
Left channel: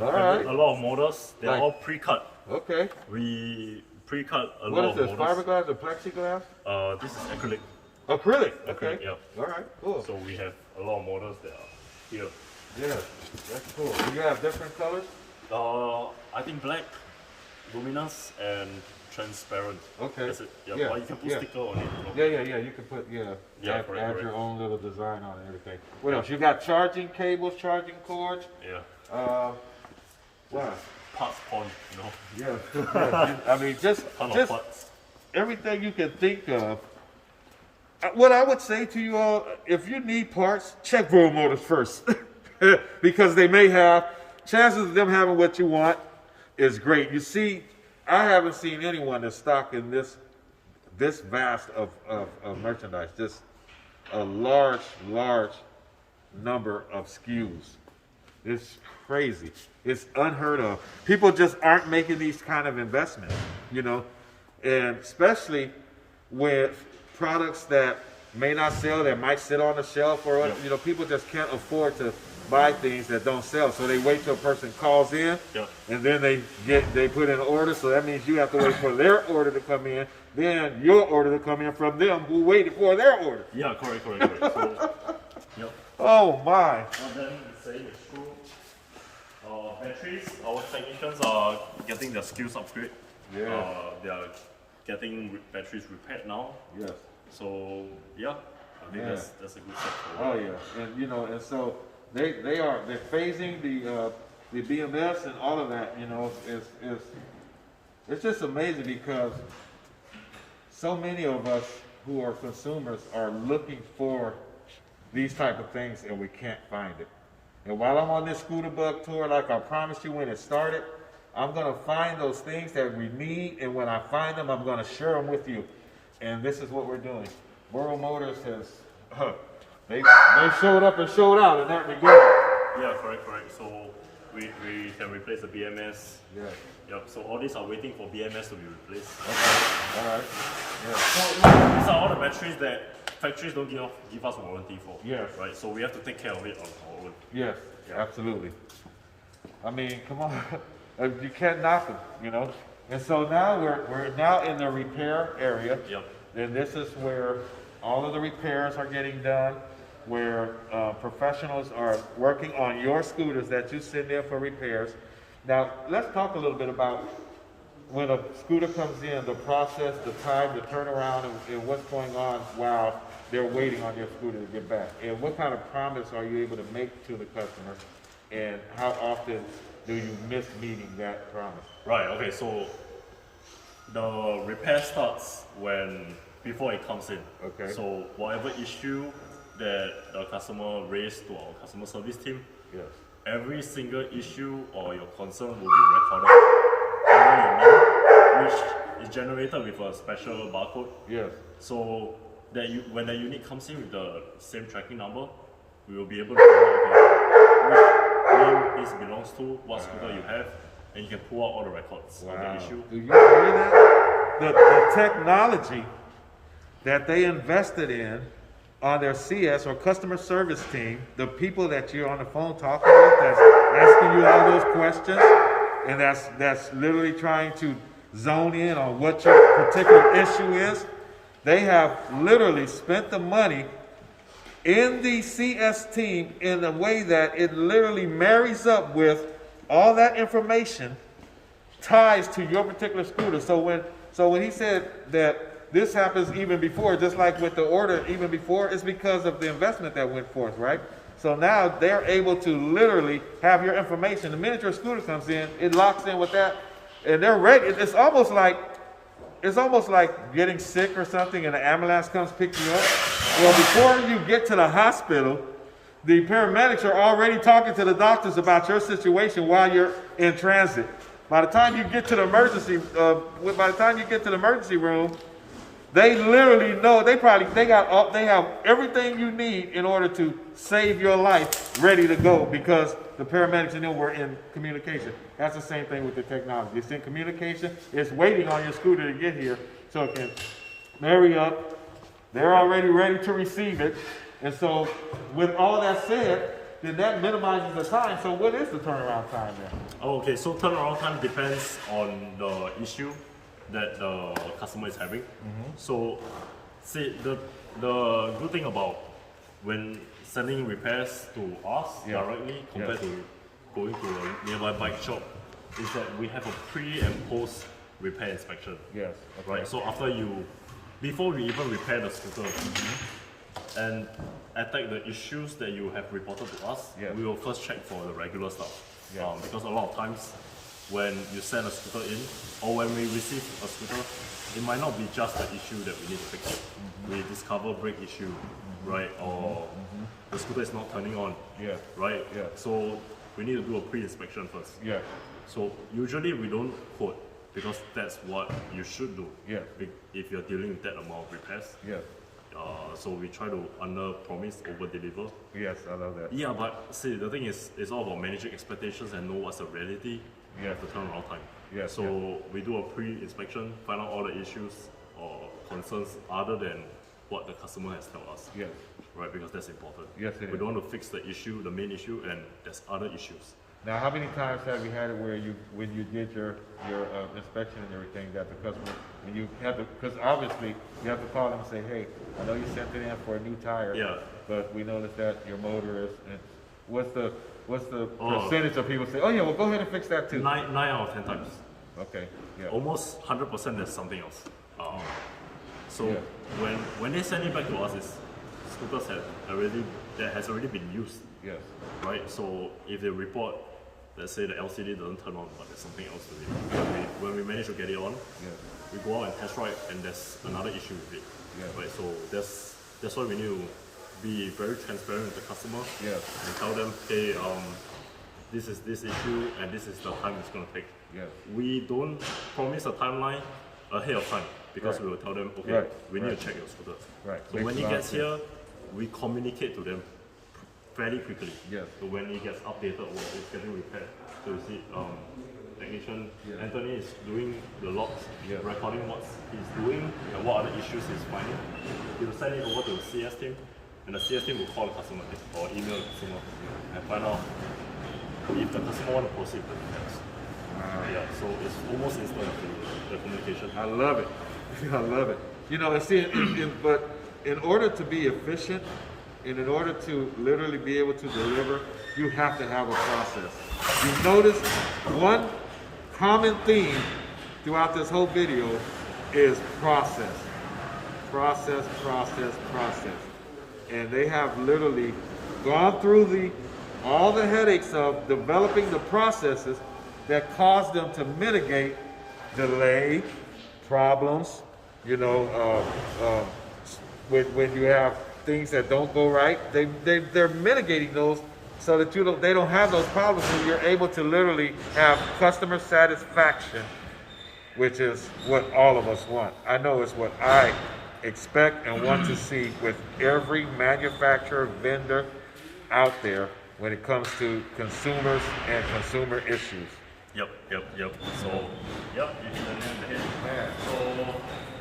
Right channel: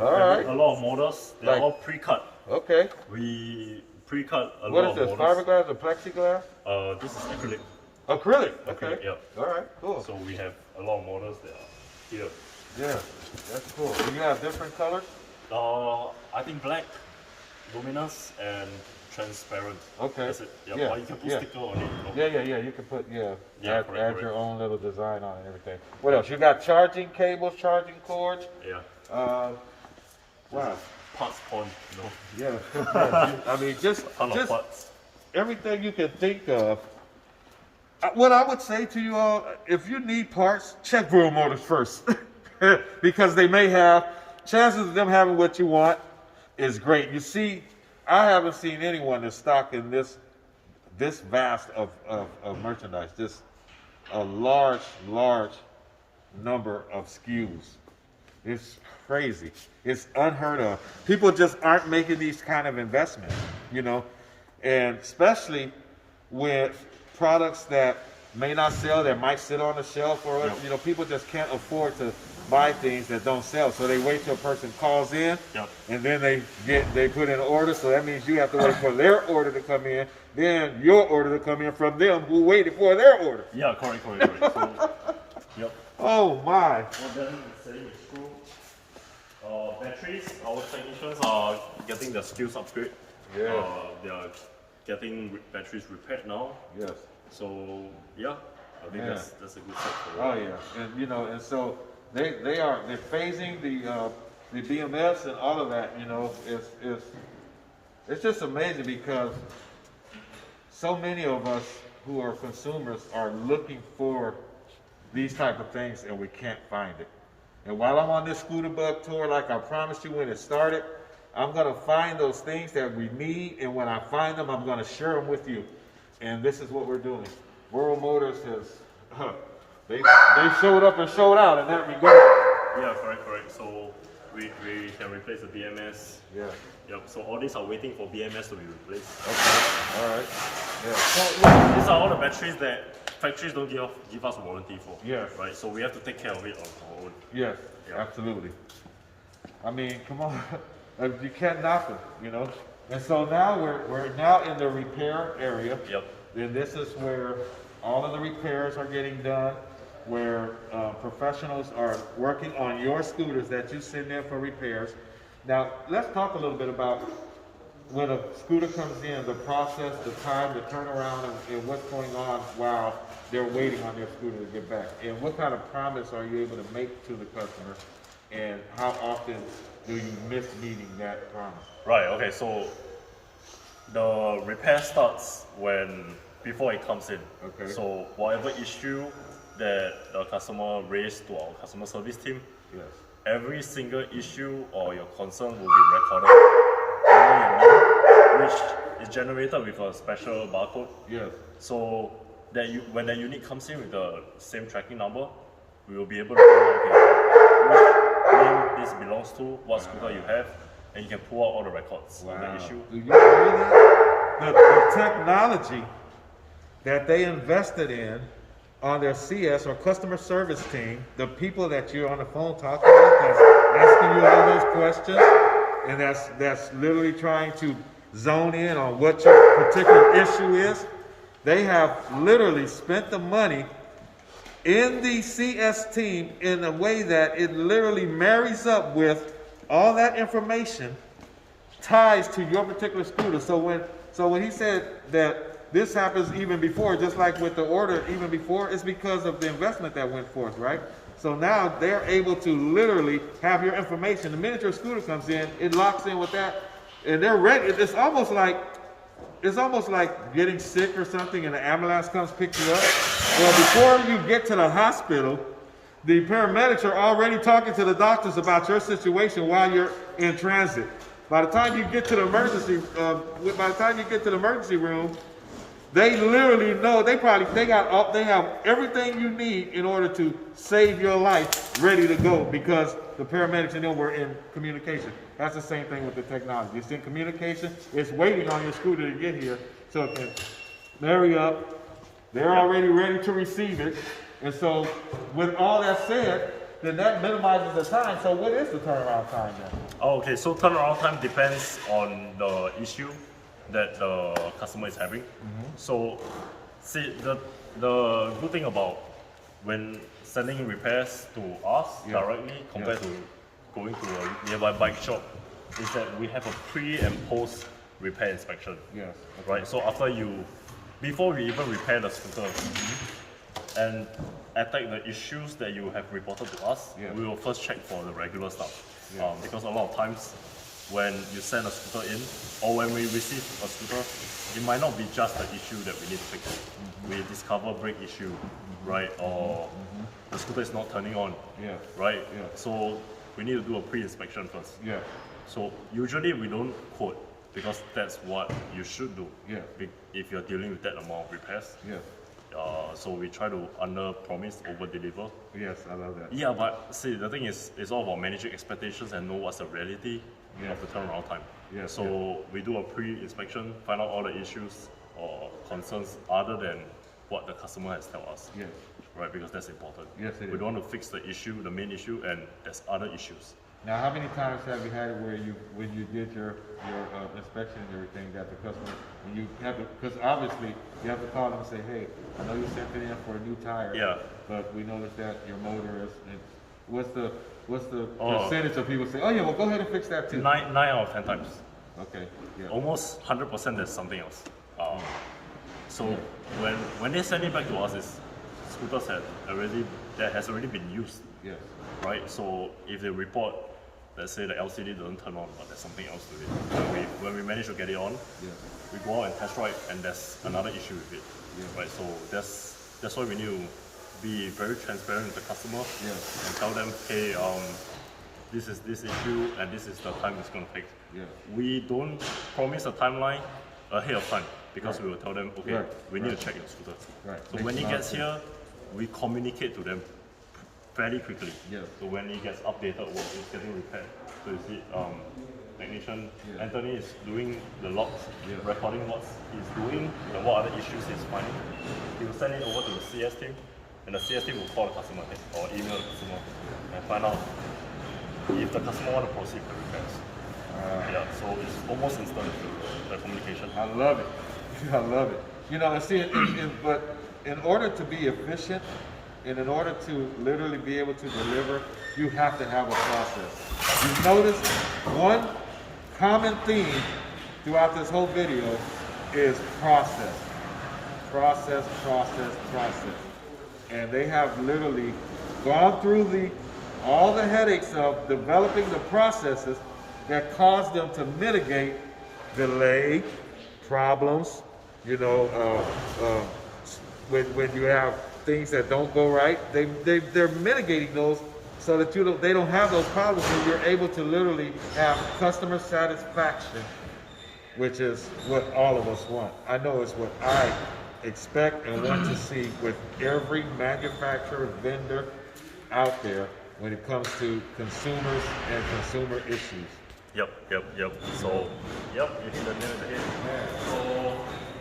right. A lot of models. They're Like- all pre-cut. Okay. We pre-cut a What lot is this? of models. Fiberglass or plexiglass? This is acrylic. Acrylic. Okay. Yep. All right. Cool. So we have a lot of models that are here. Yeah, that's cool. Do you have different colors? I think black, luminous, and transparent. Okay. That's it. Yep. Yeah, But you can put yeah. sticker on it. You know? Yeah. You can put Yeah, add correct. your own little design on it and everything. What else? You got charging cables, charging cords. Yeah. Wow. Parts pond, you know. Yeah. I mean, just Ton of parts. everything you can think of. What I would say to you all, if you need parts, check World Motors first. Because they may have, chances of them having what you want is great. You see, I haven't seen anyone that's stocking this vast of merchandise, just a large number of SKUs. It's crazy. It's unheard of. People just aren't making these kind of investments, you know, and especially with products that may not sell, that might sit on the shelf, or you know, people just can't afford to buy things that don't sell. So they wait till a person calls in, Yep. and then they put in an order. So that means you have to wait for their order to come in, then your order to come in from them who waited for their order. Yeah, correct. So, yep. Oh my! Well, then same is true. Batteries, our technicians are getting their skills upgrade. Yeah. They are getting batteries repaired now. Yes. So yeah, I think Yeah. that's a good step Oh forward. yeah, and you know, and so they're phasing the BMS and all of that. You know, it's just amazing because so many of us who are consumers are looking for these type of things and we can't find it. And while I'm on this Scooter Bug tour, like I promised you when it started, I'm gonna find those things that we need, and when I find them, I'm gonna share them with you. And this is what we're doing. World Motors has, they showed up and showed out in that regard. Yeah, correct. So we can replace the BMS. Yeah. Yep. So all these are waiting for BMS to be replaced. Okay. All right. Yeah. So these are all the batteries that factories don't give us warranty for. Yes. Right. So we have to take care of it on our own. Yes. Yeah. Absolutely. I mean, come on. You can't knock them, you know. And so now we're now in the repair area. Yep. And this is where all of the repairs are getting done, where professionals are working on your scooters that you send in for repairs. Now, let's talk a little bit about when a scooter comes in, the process, the time, the turnaround, and what's going on while they're waiting on their scooter to get back. And what kind of promise are you able to make to the customer, and how often do you miss meeting that promise? Right. Okay. So the repair starts before it comes in. Okay. So whatever issue that the customer raised to our customer service team, Yes. every single issue or your concern will be recorded under your name, which is generated with a special barcode. Yes. So that when the unit comes in with the same tracking number, we will be able to find out, okay, which name this belongs to, what scooter you have, and you can pull out all the records of the issue. Do you hear that? The technology that they invested in on their CS or customer service team, the people that you're on the phone talking with, that's asking you all those questions, and that's literally trying to zone in on what your particular issue is. They have literally spent the money in the CS team in a way that it literally marries up with all that information, ties to your particular scooter. So when he said that this happens even before, just like with the order even before, it's because of the investment that went forth, right? So now they're able to literally have your information. The minute your scooter comes in, it locks in with that, and they're ready. It's almost like getting sick or something, and the ambulance comes pick you up. Well, before you get to the hospital, the paramedics are already talking to the doctors about your situation while you're in transit. By the time you get to the emergency room, they literally know they have everything you need in order to save your life ready to go, because the paramedics and them were in communication. That's the same thing with the technology. It's in communication. It's waiting on your scooter to get here so it can marry up. They're already ready to receive it. And so with all that said, then that minimizes the time. So what is the turnaround time then? Oh, okay, so turnaround time depends on the issue that the customer is having. So, see, the good thing about when sending repairs to us directly compared to going to a nearby bike shop is that we have a pre and post repair inspection. Yes. Okay. Right. So before we even repair the scooter and attack the issues that you have reported to us, we will first check for the regular stuff. Because a lot of times when you send a scooter in, or when we receive a scooter, it might not be just the issue that we need to fix. We discover brake issue, right? Or the scooter is not turning on, right? So we need to do a pre-inspection first. So usually we don't quote, because that's what you should do if you're dealing with that amount of repairs. So we try to under-promise, over-deliver. Yes, I love that. Yeah, but see, the thing is, it's all about managing expectations and know what's the reality of the turnaround time. So we do a pre-inspection, find out all the issues or concerns other than what the customer has told us. Right, because that's important. We don't want to fix the issue, the main issue, and there's other issues. Now, how many times have you had it where when you did your inspection and everything, that the customer, when you have to, because obviously you have to call them and say, hey, I know you sent it in for a new tire, but we noticed that your motor is, and what's the percentage of people say, oh yeah, well go ahead and fix that too? 9 out of 10 times. Okay. Almost 100% there's something else. So when they send it back to us, it's scooters that has already been used. Right. So if they report, let's say the LCD doesn't turn on, but there's something else to it. When we manage to get it on, we go out and test ride, and there's another issue with it. Right. So that's why we need to be very transparent with the customer and tell them, hey, this is this issue, and this is the time it's going to take. We don't promise a timeline ahead of time, because we will tell them, okay, we need to check your scooter. So when it gets here, we communicate to them fairly quickly. So when it gets updated or it's getting repaired, so you see, technician Anthony is doing the logs, recording what he's doing and what other issues he's finding. He will send it over to the CS team, and the CS team will call the customer or email the customer and find out if the customer want to proceed with the repairs. So it's almost instant, the communication. I love it. I love it. You know, see, but in order to be efficient, and in order to literally be able to deliver, you have to have a process. You notice one common theme throughout this whole video is process. Process, process, process. And they have literally gone through all the headaches of developing the processes that cause them to mitigate delay, problems, you know, when you have things that don't go right, they're mitigating those so that they don't have those problems, and you're able to literally have customer satisfaction, which is what all of us want. I know it's what I expect and want to see with every manufacturer, vendor out there when it comes to consumers and consumer issues. So, you hit the nail on the head. So,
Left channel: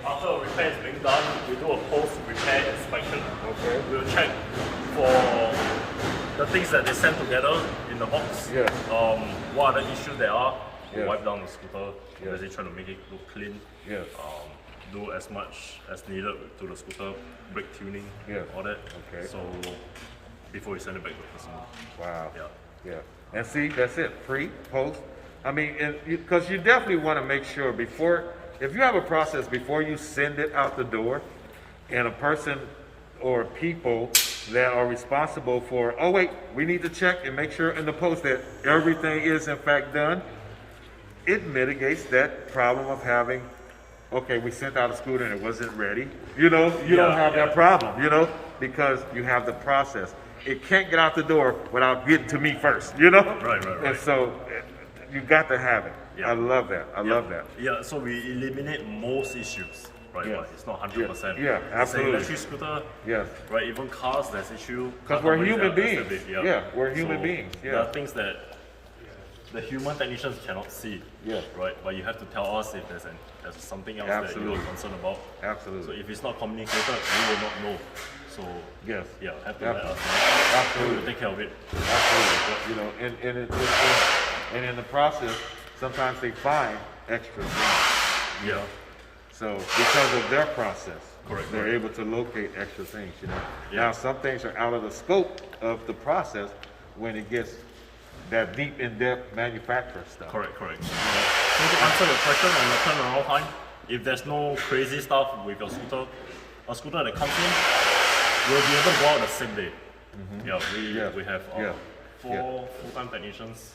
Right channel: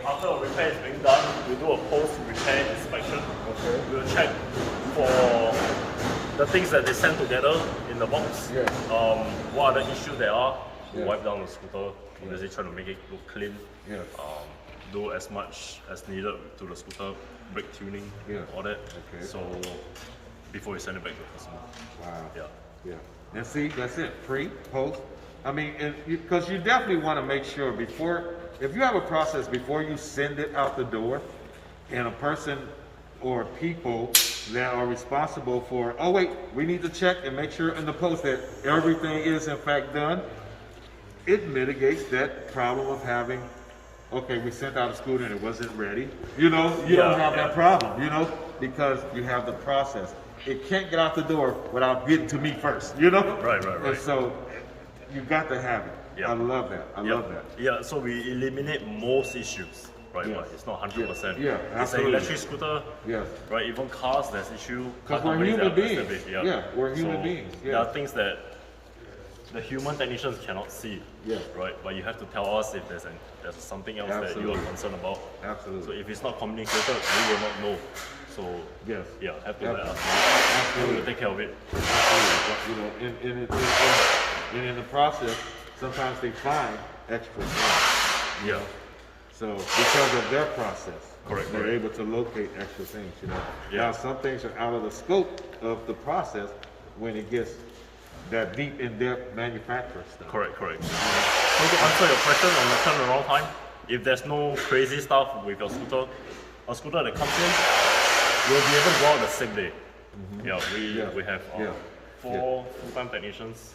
after a repair is being done, we do a post-repair inspection. Okay. We'll check for the things that they send together in the box. Yeah. What other issues there are. We Yeah. wipe down the scooter. Yeah. Obviously, trying to make it look clean. Yeah. Do as much as needed to the scooter, brake tuning, Yeah. all that. Okay. So before we send it back to the customer. Wow. Yeah. Yeah. And see, that's it. Pre, post. I mean, because you definitely want to make sure before, if you have a process before you send it out the door, and a person or people that are responsible for, oh wait, we need to check and make sure in the post that everything is in fact done, it mitigates that problem of having, okay, we sent out a scooter and it wasn't ready. You know, you don't have that problem, you know, because you have the process. It can't get out the door without getting to me first, you know? Right. And so you got to have it. Yeah. I love that. I love that. Yeah, so we eliminate most issues, right? Yeah. But it's not 100%. Yeah, It's absolutely. an electric scooter, Yes. right? Even cars, there's issue. Because Car we're companies, human they're beings. stupid, Yeah, we're human So beings. There Yeah. are things that the human technicians cannot see, Yeah. right? But you have to tell us if there's something else that you Absolutely. are concerned about. Absolutely. So if it's not communicated, we will not know. So Yes. yeah, have to let us know. And Absolutely. we will take care of it. Absolutely. But, you know, and in the process, sometimes they find extra things. Yeah. So because of their process, Correct, they're correct. able to locate extra things, you know. Yeah. Now some things are out of the scope of the process when it gets that deep in-depth manufacturer stuff. Correct. So to answer your question on the turnaround time, if there's no crazy stuff with your scooter, a scooter that comes in, we'll be able to go out the same day. Yeah, we have Yeah. 4 full-time technicians,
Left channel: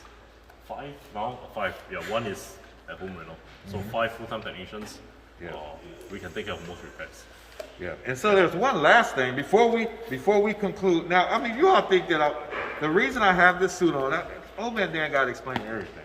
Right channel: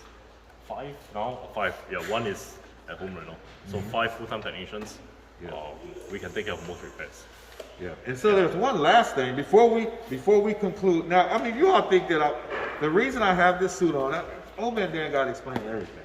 5 now, 5. Yeah, 1 is at home right now. So 5 full-time technicians. Yeah. We can take care of most repairs. Yeah, and so there's one last thing before we conclude. Now, I mean, you all think that the reason I have this suit on, Old Man Dan got to explain everything.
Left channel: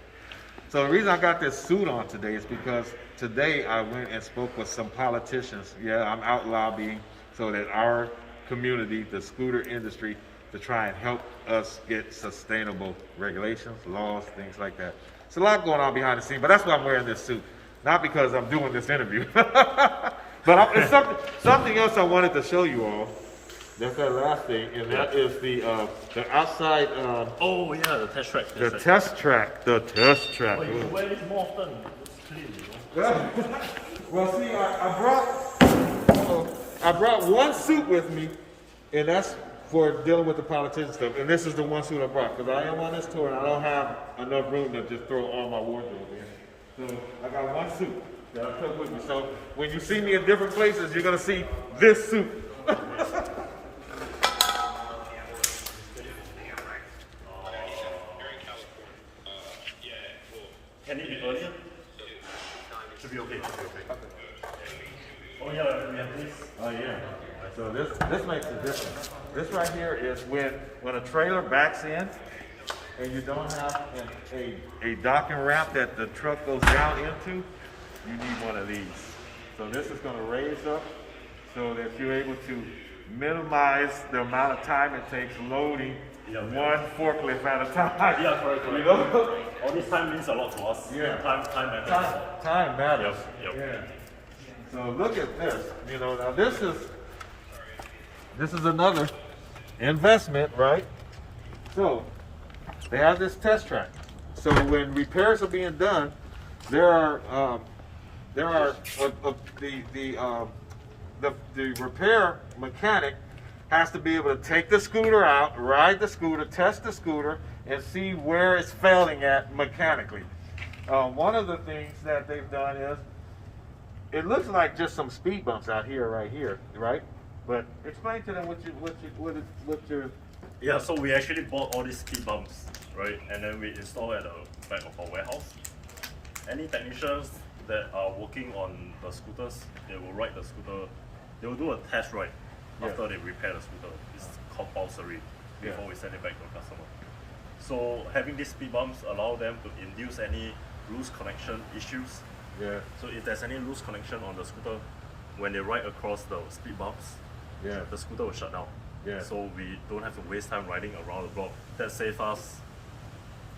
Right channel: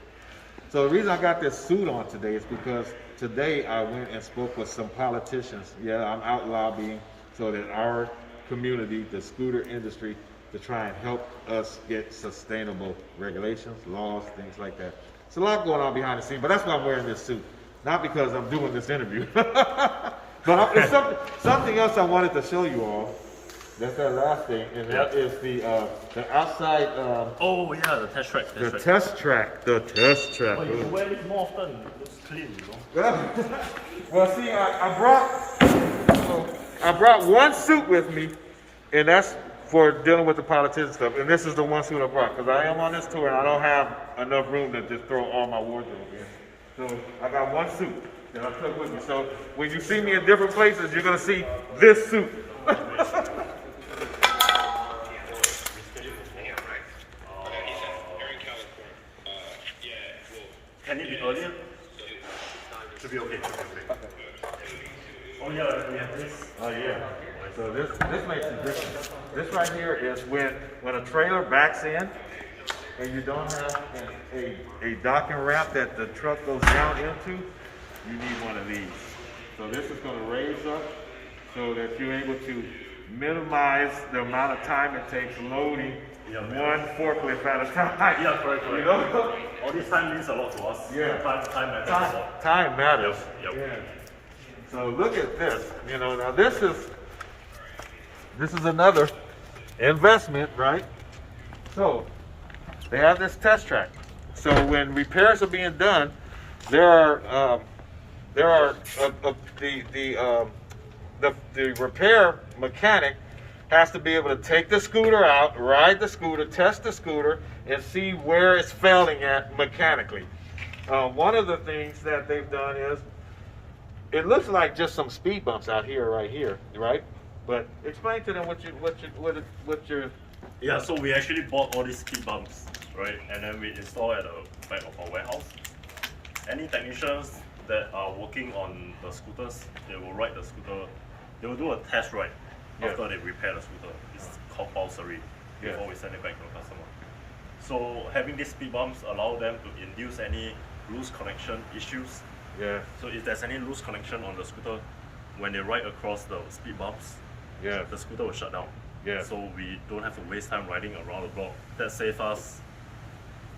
So the reason I got this suit on today is because today I went and spoke with some politicians. Yeah, I'm out lobbying so that our community, the scooter industry, to try and help us get sustainable regulations, laws, things like that. It's a lot going on behind the scenes, but that's why I'm wearing this suit. Not because I'm doing this interview, but it's something else I wanted to show you all. That's that last thing, and that is the outside, Oh yeah, the test track. the test track. The test track. Oh, you can wear it more often. It looks clean, you know. Well, see, I brought one suit with me, and that's for dealing with the politician stuff. And this is the one suit I brought because I am on this tour and I don't have enough room to just throw all my wardrobe in. So I got one suit that I took with me. So when you see me in different places, you're gonna see this suit. Can it be earlier? Should be okay. Oh yeah, we have this. Oh yeah. So this makes a difference. This right here is when a trailer backs in and you don't have a docking ramp that the truck goes down into, you need one of these. So this is going to raise up so that you're able to minimize the amount of time it takes loading one forklift at a time. Yeah, correct. You know? All this time means a lot to us. Yeah. Time matters a lot. Time matters. Yep. Yeah. So look at this. You know, now this is another investment, right? So they have this test track. So when repairs are being done, the repair mechanic has to be able to take the scooter out, ride the scooter, test the scooter, and see where it's failing at mechanically. One of the things that they've done is, it looks like just some speed bumps out here, right? But explain to them what your Yeah, so we actually bought all these speed bumps, right? And then we install at the back of our warehouse. Any technicians that are working on the scooters, they will ride the scooter. They will do a test ride after they repair the scooter. It's compulsory before we send it back to the customer. So having these speed bumps allow them to induce any loose connection issues. Yeah. So if there's any loose connection on the scooter, when they ride across the speed bumps, Yeah. the scooter will shut down. Yeah. So we don't have to waste time riding around the block. That saves us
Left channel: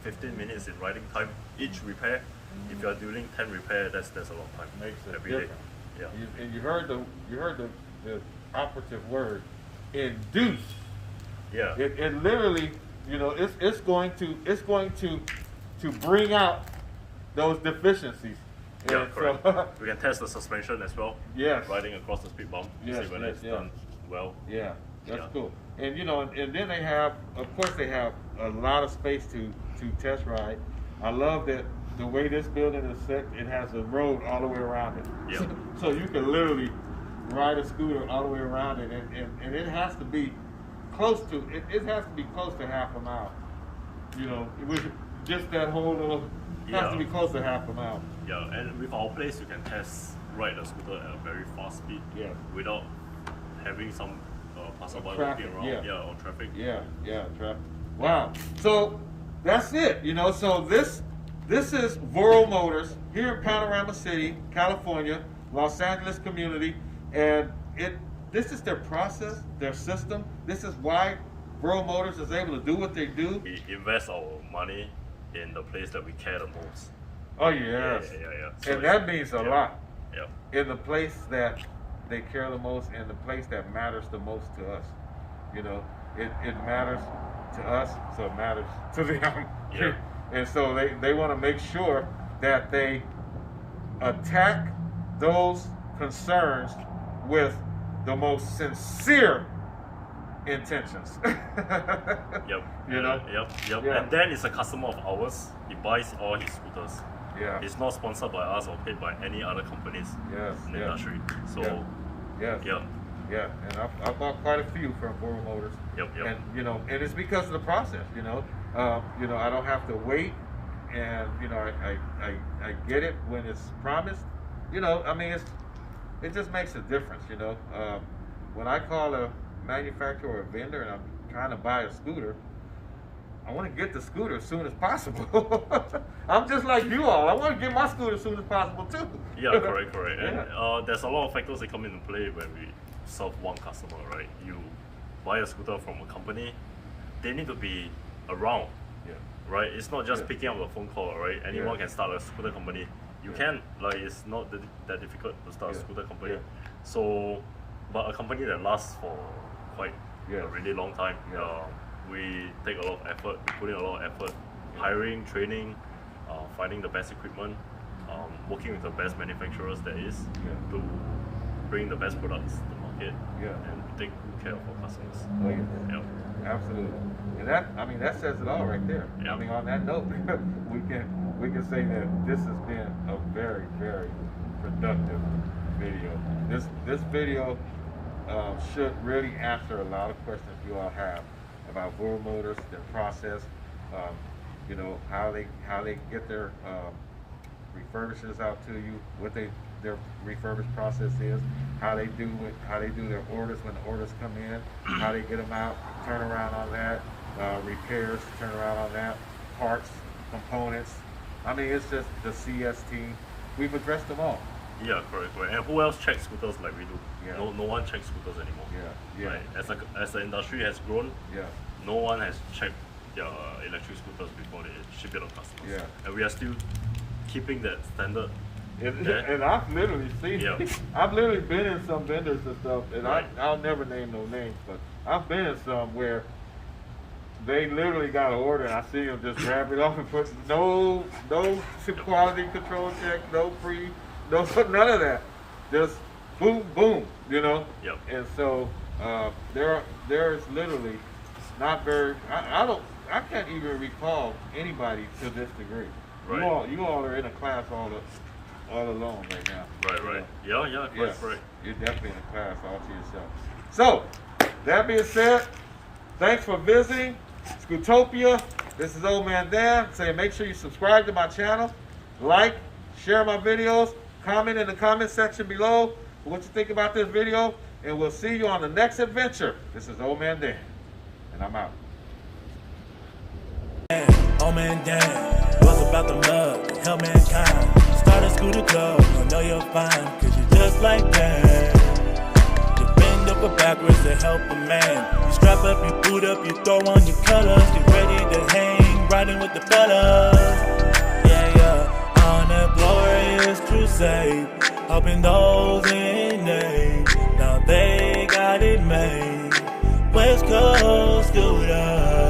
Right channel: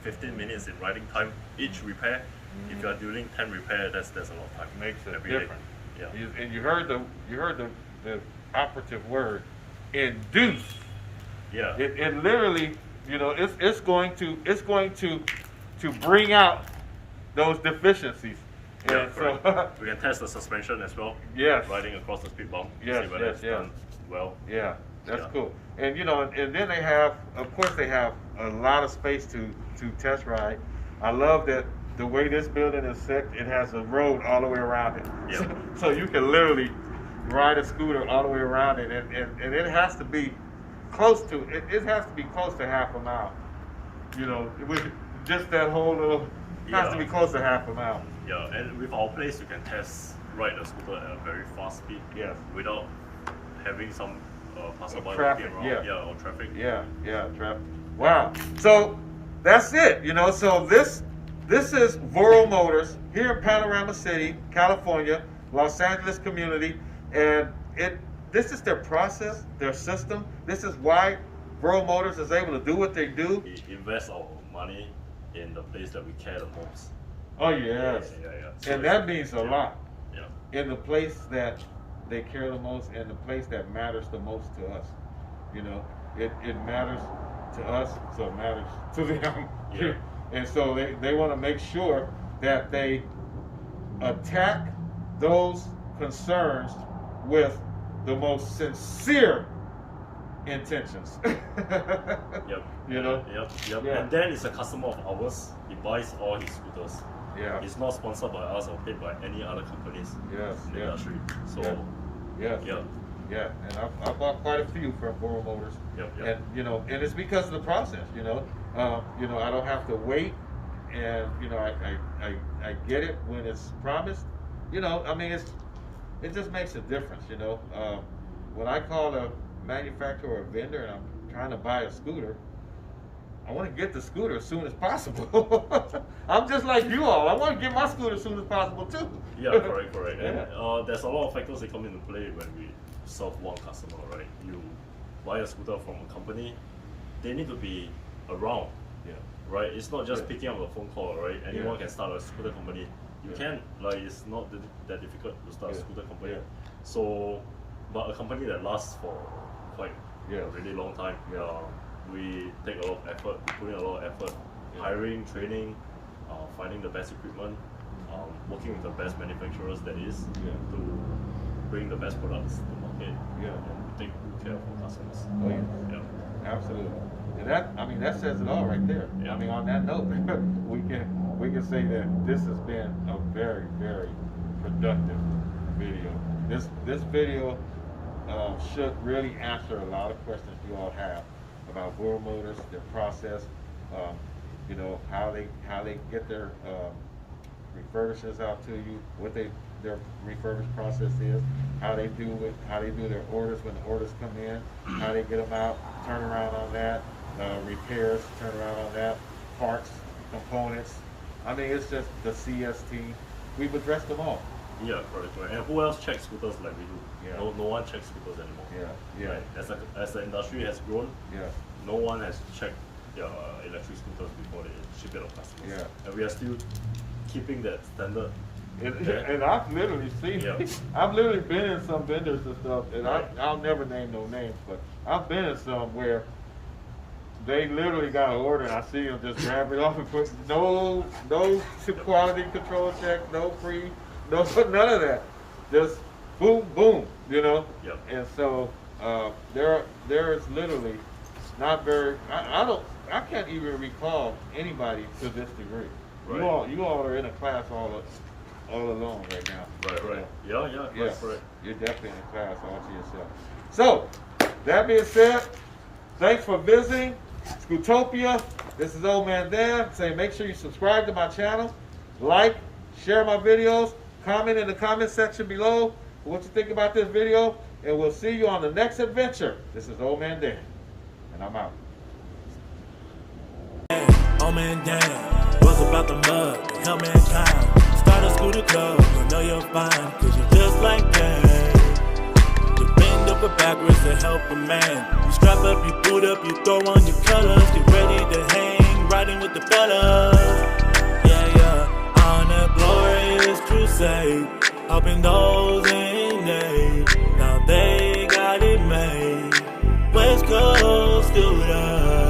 15 minutes in riding time each repair. If you are doing 10 repair, that's a lot of time. Makes a every day. difference. Yeah. And you heard the operative word, induce. Yeah. It literally, you know, it's going to bring out those deficiencies. Yeah, And correct. so We can test the suspension as well. Yes. Riding across the speed bump. Yes, See whether yes, it's yes. done well. yeah, that's Yeah. cool. And you know, and then they have, of course, they have a lot of space to test ride. I love that the way this building is set, it has a road all the way around it. Yeah. So you can literally ride a scooter all the way around it, and it has to be close to it has to be close to half a mile. You know, with just that whole little has to Yeah. be close to half a mile. Yeah, and with our place, you can test ride the scooter at a very fast speed. Yeah. Without having some passerby traffic, walking around. yeah. Or traffic. Yeah, traffic. Wow. So that's it. You know, so this is Voro Motors here in Panorama City, California, Los Angeles community, and this is their process, their system. This is why Voro Motors is able to do what they do. We invest our money in the place that we care the most. Oh yes. Yeah. So And it's- that means a yeah. lot. Yeah. In the place that they care the most and the place that matters the most to us. You know, it matters to us, so it matters to them. Yeah. And so they want to make sure that they attack those concerns with the most sincere intentions. Yep. You know? Yep. Yeah. And Dan is a customer of ours. He buys all his scooters. Yeah. It's not sponsored by us or paid by any other companies Yes. in the Yeah. industry. So Yes. yeah. Yeah, and I bought quite a few from Voro Motors. Yep. And you know, and it's because of the process. You know, I don't have to wait, and you know, I get it when it's promised. You know, I mean, it just makes a difference. You know, when I call a manufacturer or a vendor and I'm trying to buy a scooter, I want to get the scooter as soon as possible. I'm just like you all. I want to get my scooter as soon as possible too. Yeah, correct. And Yeah. there's a lot of factors that come into play when we serve one customer, right? You buy a scooter from a company, they need to be around, Yeah. right? It's not just Yeah. picking up a phone call, right? Anyone Yeah. can start a scooter company. You Yeah. can, like, it's not that difficult to start a Yeah. scooter company. Yeah. So, but a company that lasts for quite Yeah. a really long time, Yeah. we take a lot of effort, we put in a lot of effort, Yeah. hiring, training, finding the best equipment, working with the best manufacturers there is Yeah. to bring the best products to market Yeah. and take good care of our customers. Oh yes. Yeah. Absolutely. And that says it all right there. Yeah. I mean, on that note, we can say that this has been a very, very productive video. This video should really answer a lot of questions you all have about Voro Motors, their process, you know, how they get their refurbishes out to you, what their refurbished process is, how they do their orders when the orders come in, how they get them out, turn around on that, repairs, turn around on that, parts, components. I mean, it's just the CS team. We've addressed them all. Yeah, correct. And who else checks scooters like we do? Yeah. No one checks scooters anymore. Yeah. Right? As the industry has grown, Yes. no one has checked their electric scooters before they ship it to customers. Yeah. And we are still keeping that standard. And, Yeah. and I've literally seen, Yeah. I've literally been in some vendors and stuff, and Right. I'll never name no names, but I've been in some where they literally got an order and I see them just grab it off and put no quality control check, no none of that. Just boom, boom, you know? Yep. And so there's literally not very, I can't even recall anybody to this degree. Right. You all are in a class all alone right now. Right, you right. know? Yeah, correct. You're definitely in a class all to yourself. So, that being said, thanks for visiting Scootopia. This is Old Man Dan saying make sure you subscribe to my channel, like, share my videos, comment in the comment section below what you think about this video, and we'll see you on the next adventure. This is Old Man Dan, and I'm out. Old Man Dan was about the mud to help mankind. Start a scooter club, I know you're fine, cause you're just like that. You bend over backwards to help a man. You strap up, you boot up, you throw on your colors. Get ready to hang, riding with the fellas. Yeah, on that glorious crusade. helping those in need. Now they got it made. West Coast Scooter.